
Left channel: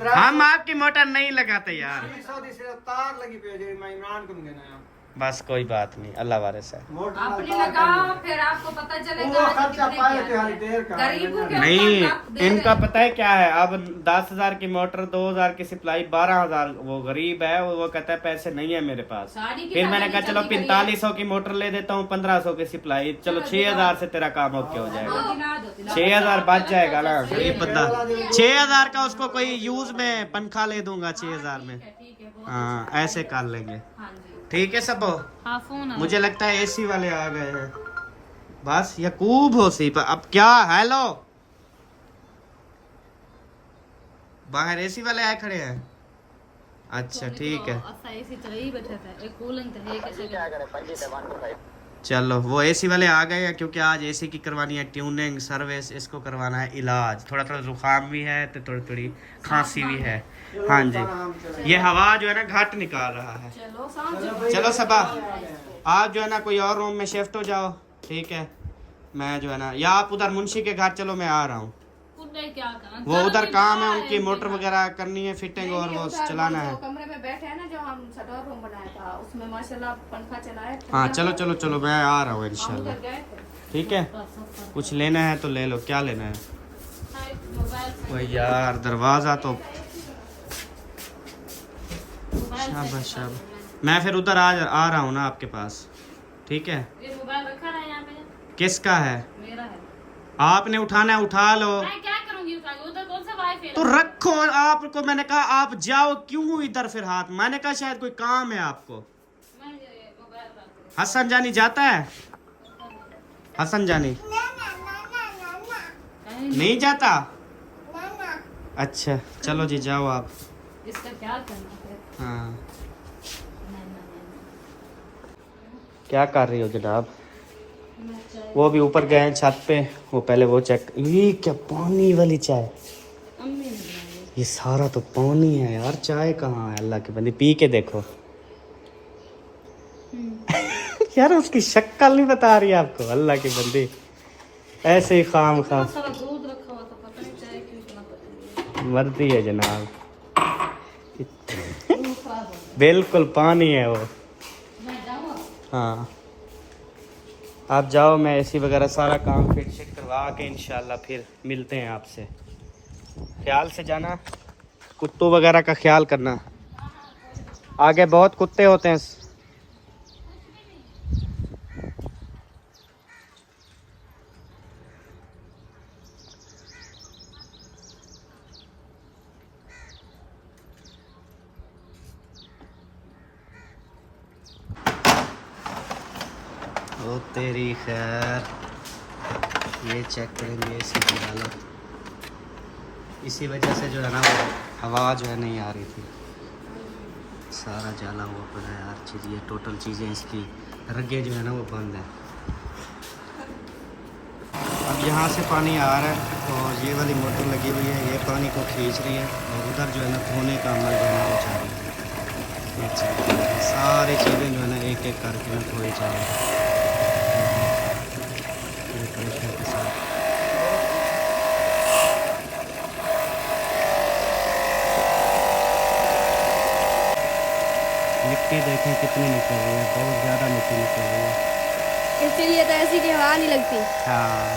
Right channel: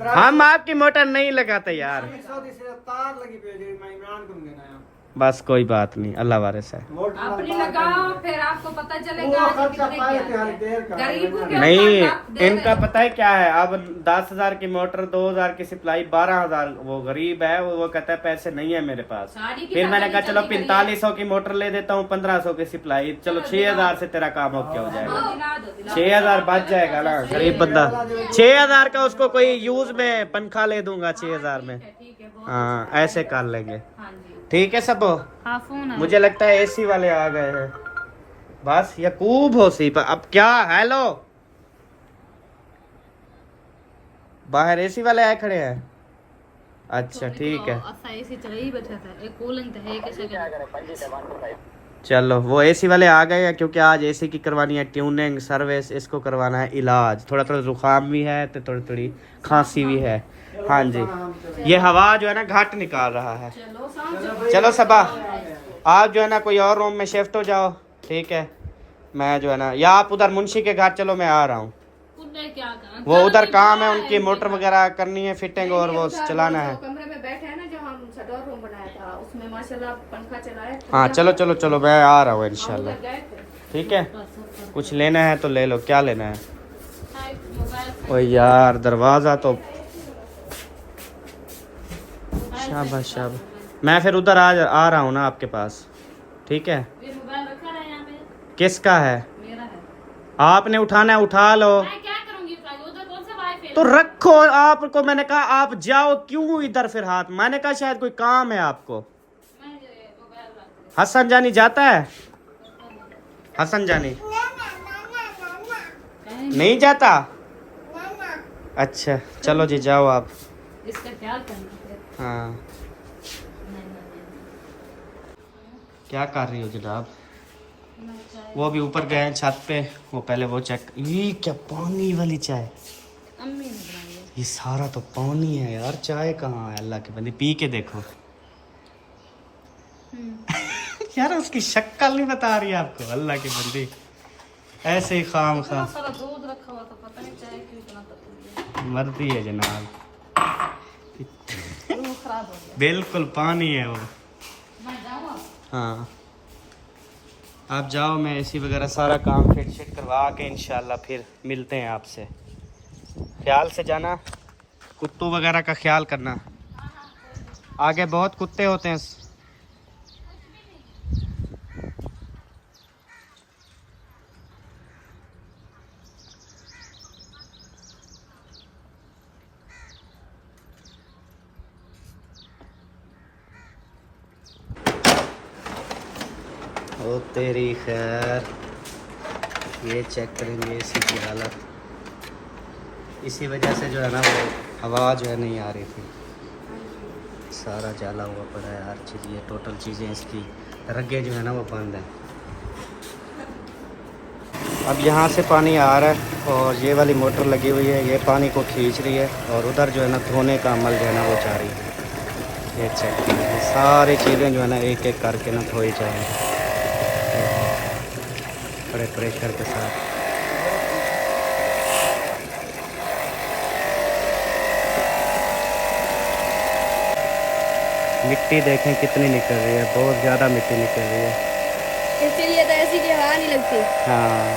हम आपकी मोटर नहीं लगाते यार। 300 दी सिर्फ तार लगी पे जी मैं इमरान को देना है। बस कोई बात नहीं, अल्लाह वाले से। मोटर अपनी लगाओ, फिर आपको पता चलेगा वो कि खर्चा कितने पाए की थे हर है। देर का। गरीबों के नहीं, ऊपर दे इनका रहे। पता है क्या है, अब 10,000 की मोटर, 2,000 की सप्लाई, 12,000। वो गरीब है, वो कहता है पैसे नहीं है मेरे पास। शादी की फिर मैंने कहा शादी चलो चलती 4500 की मोटर ले देता हूँ, 1500 की सप्लाई, चलो 6,000 से तेरा काम ओके हो जाएगा। 6,000 बच जाएगा ना, गरीब बंदा। 6,000 का उसको कोई यूज में पंखा ले दूंगा 6,000 में। ठीक है, बहुत हाँ, ऐसे कर लेंगे। हाँ जी। ठीक है सब। हाँ फोन है। मुझे लगता है एसी वाले आ गए हैं। बस यकूब हो सी पर अब क्या। हेलो, बाहर एसी वाले आए खड़े हैं। अच्छा ठीक है, अच्छा एसी तो यही बैठा था, एक कूलिंग तो है कैसे। चलो वो एसी वाले आ गए हैं, क्योंकि आज एसी की करवानी है ट्यूनिंग, सर्विस, इसको करवाना है इलाज। थोड़ा थोड़ा जुकाम भी है तो थोड़ी थोड़ी खांसी भी है। हाँ जी, ये हवा जो है ना घाट निकाल रहा है। चलो सबा, आप जो है ना कोई और रूम में शिफ्ट हो जाओ, ठीक है। मैं जो है ना, या आप उधर मुंशी के घर चलो, मैं आ रहा हूँ। क्या करा, वो उधर काम है, उनकी मोटर वगैरह करनी है, फिटिंग, और वो चलाना है। कमरे में बैठे हैं ना, जो हम शटर रूम बनाया था, उसमें माशाल्लाह पंखा चलाए। हाँ चलो चलो चलो, मैं आ रहा हूँ हम इंशाल्लाह। उधर गए थे। ठीक है, कुछ लेना है तो ले लो। क्या लेना है? मोबाइल ओ यार, दरवाजा तो शाबाश शाबाश। मैं फिर उधर आ रहा हूँ ना आपके पास, ठीक है। ये मोबाइल रखा है यहाँ पे, किसका है? मेरा है। आपने उठाना है, उठा लो। मैं क्या करूंगी उठा के, उधर कौन सा वाईफाई तो रखो, आपको मैंने कहा आप जाओ, क्यों इधर फिर हाथ? मैंने कहा शायद कोई काम है आपको। मैं ये मोबाइल रख हसन जानी जाता है? हसन जानी नहीं जाता? अच्छा चलो जी, जाओ आप। इसका ख्याल करना फिर। हाँ, नहीं। क्या कर रही हो जनाब? वो भी ऊपर गए हैं छत पे, वो पहले वो चेक। ये क्या पानी वाली चाय? अम्मी ने बनाई। ये सारा तो पानी है यार, चाय कहाँ है? अल्लाह के बंदे, पी के देखो। यार उसकी शक्ल नहीं बता रही आपको, अल्लाह के बंदे, ऐसे ही खाम खा सारा दूध रखा हुआ था, पता नहीं चाय क्यों इतना पता नहीं। मरती है जनाब। दूध खराब हो गया। बिल्कुल पानी है वो। मैं जाऊँ? हाँ आप जाओ, मैं एसी वगैरह सारा काम फिट शिट करवा के इंशाल्लाह फिर मिलते हैं आपसे। ख्याल से जाना, कुत्तों वगैरह का ख्याल करना, आगे बहुत कुत्ते होते हैं। ओ तेरी खैर, ये चेक करेंगे एसी की हालत। इसी वजह से जो है ना वो हवा जो है नहीं आ रही थी, सारा जाला हुआ पड़ा है हर चीज़। ये टोटल चीज़ें इसकी रग्गे जो है ना वो बंद है। अब यहाँ से पानी आ रहा है और ये वाली मोटर लगी हुई है, ये पानी को खींच रही है, और उधर जो है ना धोने का अमल जो है ना वो जा रही है। ये चेक कीजिए, सारी चीज़ें जो है ना एक एक करके ना धोई जा रही है बड़े प्रेशर के साथ। मिट्टी देखें कितनी निकल रही है, बहुत ज़्यादा मिट्टी निकल रही है। इसीलिए तो एसी की हवा नहीं लगती। हाँ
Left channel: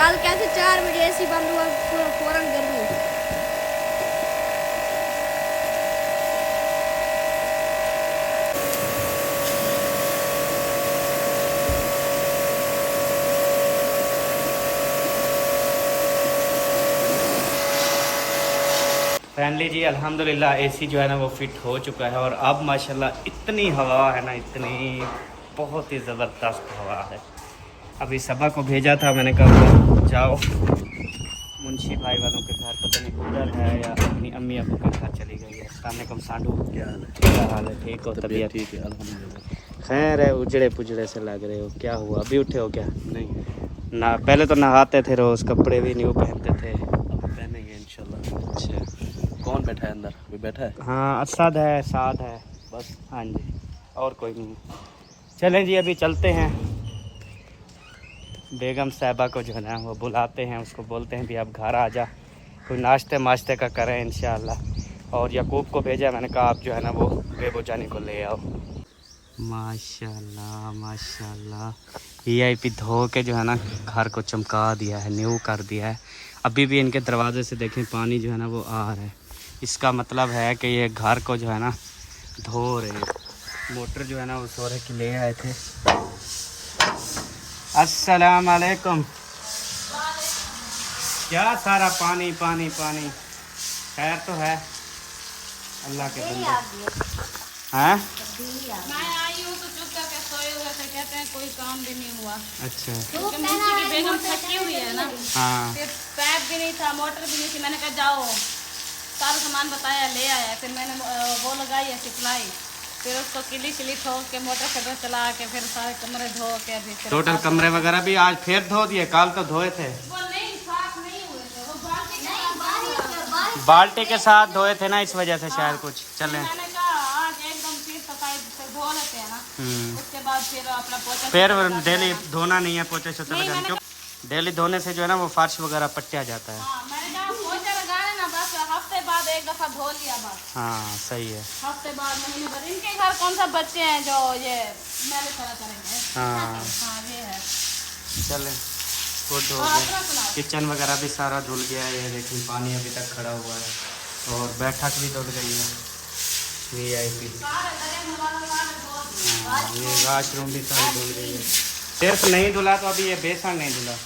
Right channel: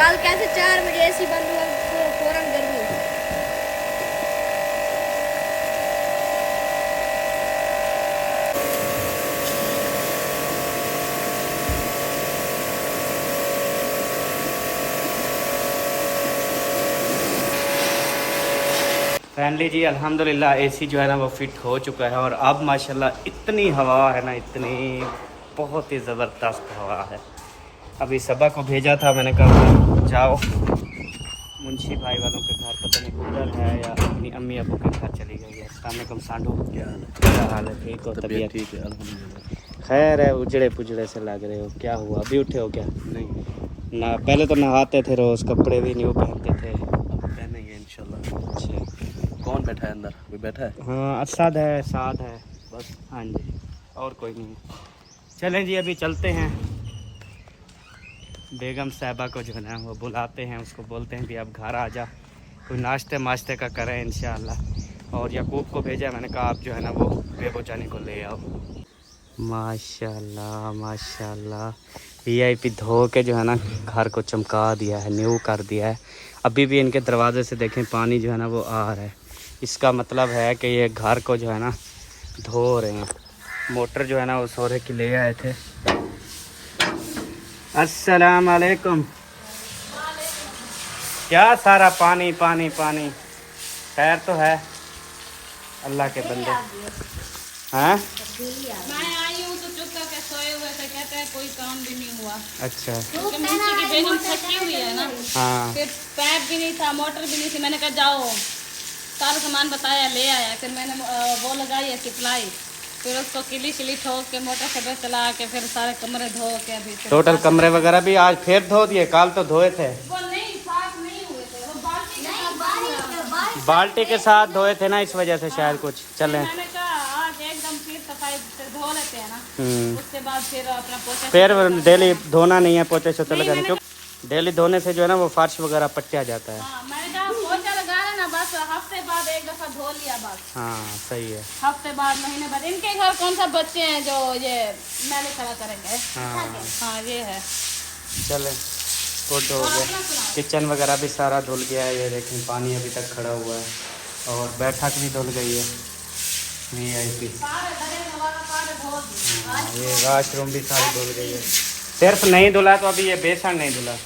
कल कैसे 4 बजे एसी बंद हुआ, फौरन गर्मी। फाइनली जी अल्हम्दुलिल्लाह एसी जो है ना वो फिट हो चुका है, और अब माशाल्लाह इतनी हवा है ना, इतनी बहुत ही ज़बरदस्त हवा है। अभी सबा को भेजा था, मैंने कहा जाओ मुंशी भाई वालों के घर, पता नहीं कौन है या अपनी अम्मी अबू के घर चली गई है। अस्सलाम वालेकुम सांडू, क्या हाल है? ठीक हो? तबीयत ठीक है अल्हम्दुलिल्लाह। खैर है, उजड़े पुजड़े से लग रहे हो, क्या हुआ? अभी उठे हो क्या? नहीं ना, पहले तो नहाते थे रोज़, कपड़े भी न्यू पहनते थे। अब पहनेंगे इंशाल्लाह। अच्छा, कौन बैठा है अंदर? कोई बैठा है? हाँ असद है, साद है, बस हाँ जी, और कोई नहीं। चलें जी, अभी चलते हैं। बेगम साहिबा को जो है ना वो बुलाते हैं, उसको बोलते हैं भी अब घर आ जा, कोई नाश्ते माश्ते का करें इंशाल्लाह। और याकूब को भेजा है, मैंने कहा आप जो है ना वो बेबो जानी को ले आओ। माशाल्लाह माशाल्लाह। वीआईपी धो के जो है ना घर को चमका दिया है, न्यू कर दिया है। अभी भी इनके दरवाजे से देखें पानी जो है ना वो आ रहा है। इसका मतलब है कि ये घर को जो है ना धो रहे हैं। मोटर जो है ना वो सोरे के ले आए थे। अस्सलाम वालेकुम। क्या सारा पानी पानी पानी। खैर तो है अल्लाह के बंदे हैं। मैं आई हूँ तो चुप करके सोए हुए थे, कहते हैं कोई काम भी नहीं हुआ। अच्छा क्योंकि मुंशी की बेगम थकी हुई है ना, हाँ फिर पैप भी नहीं था, मोटर भी नहीं थी। मैंने कहा जाओ, सारा सामान बताया, ले आया। फिर मैंने वो लगाई है सप्लाई, फिर उसको किली शिली ठोक के मोटर से चला के फिर सारे कमरे धो के अभी टोटल कमरे वगैरह भी आज फिर धो दिए। कल तो धोए थे, वो नहीं साफ नहीं हुई थी, वो बाल्टी के साथ बाल्टी के साथ धोए थे ना, इस वजह से शायद कुछ चले। मैंने कहा आज एकदम फिर सफाई से धो लेते हैं ना, उसके बाद फिर अपना पोछा फिर डेली धोना नहीं है, पोछे से लगाना, क्योंकि डेली धोने से जो है ना वो फर्श वगैरह पट्टिया जाता है। हाँ, मैंने कहा पोछा लगा रहे ना, बस हफ्ते बाद एक दफा धो लिया बस। हाँ सही है। हफ्ते बाद, महीने बाद। इनके घर कौन सा बच्चे हैं जो ये मैंने करा करेंगे। हाँ हाँ ये है। चले गुड हो गया। किचन वगैरह भी सारा धुल गया है। ये देखें पानी अभी तक खड़ा हुआ है और बैठक भी धुल गई है। वीआईपी हाँ, ये वॉशरूम भी सारी धुल गई है। सिर्फ नहीं धुला तो अभी ये बेसन नहीं धुला।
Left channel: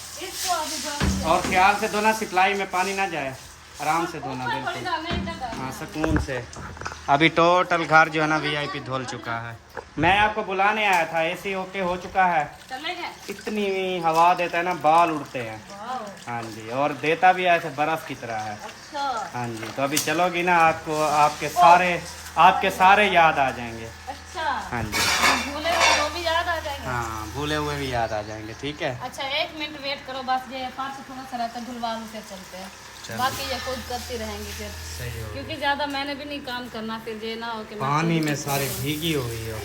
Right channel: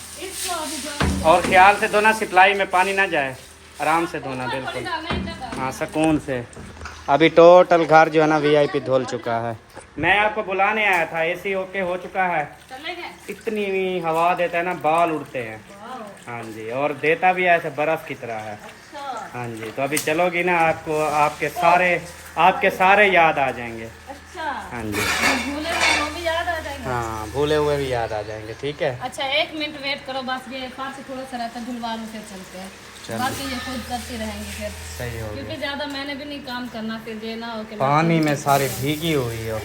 और ख्याल से धोना, सप्लाई में पानी ना जाए, आराम से धोना बिल्कुल, हाँ सुकून से। अभी टोटल घर जो है ना वीआईपी धुल चुका है। मैं आपको बुलाने आया था, एसी ओके हो चुका है। इतनी हवा देता है ना, बाल उड़ते हैं। हाँ जी, और देता भी ऐसे बर्फ की तरह है। हाँ जी, तो अभी चलोगी ना, आपको आपके सारे याद आ जाएंगे। हाँ जी, भूले हुए वो भी याद आ जाएंगे। हाँ भूले हुए भी याद आ जाएंगे। ठीक है, अच्छा 1 मिनट वेट करो बस, ये फर्श थोड़ा सा रहता धुलवा लो फिर चलते हैं। बाकी ये खुद करती रहेंगी फिर, सही हो क्योंकि ज्यादा मैंने भी नहीं काम करना, फिर ये ना हो कि पानी में सारी भीगी हुई हो।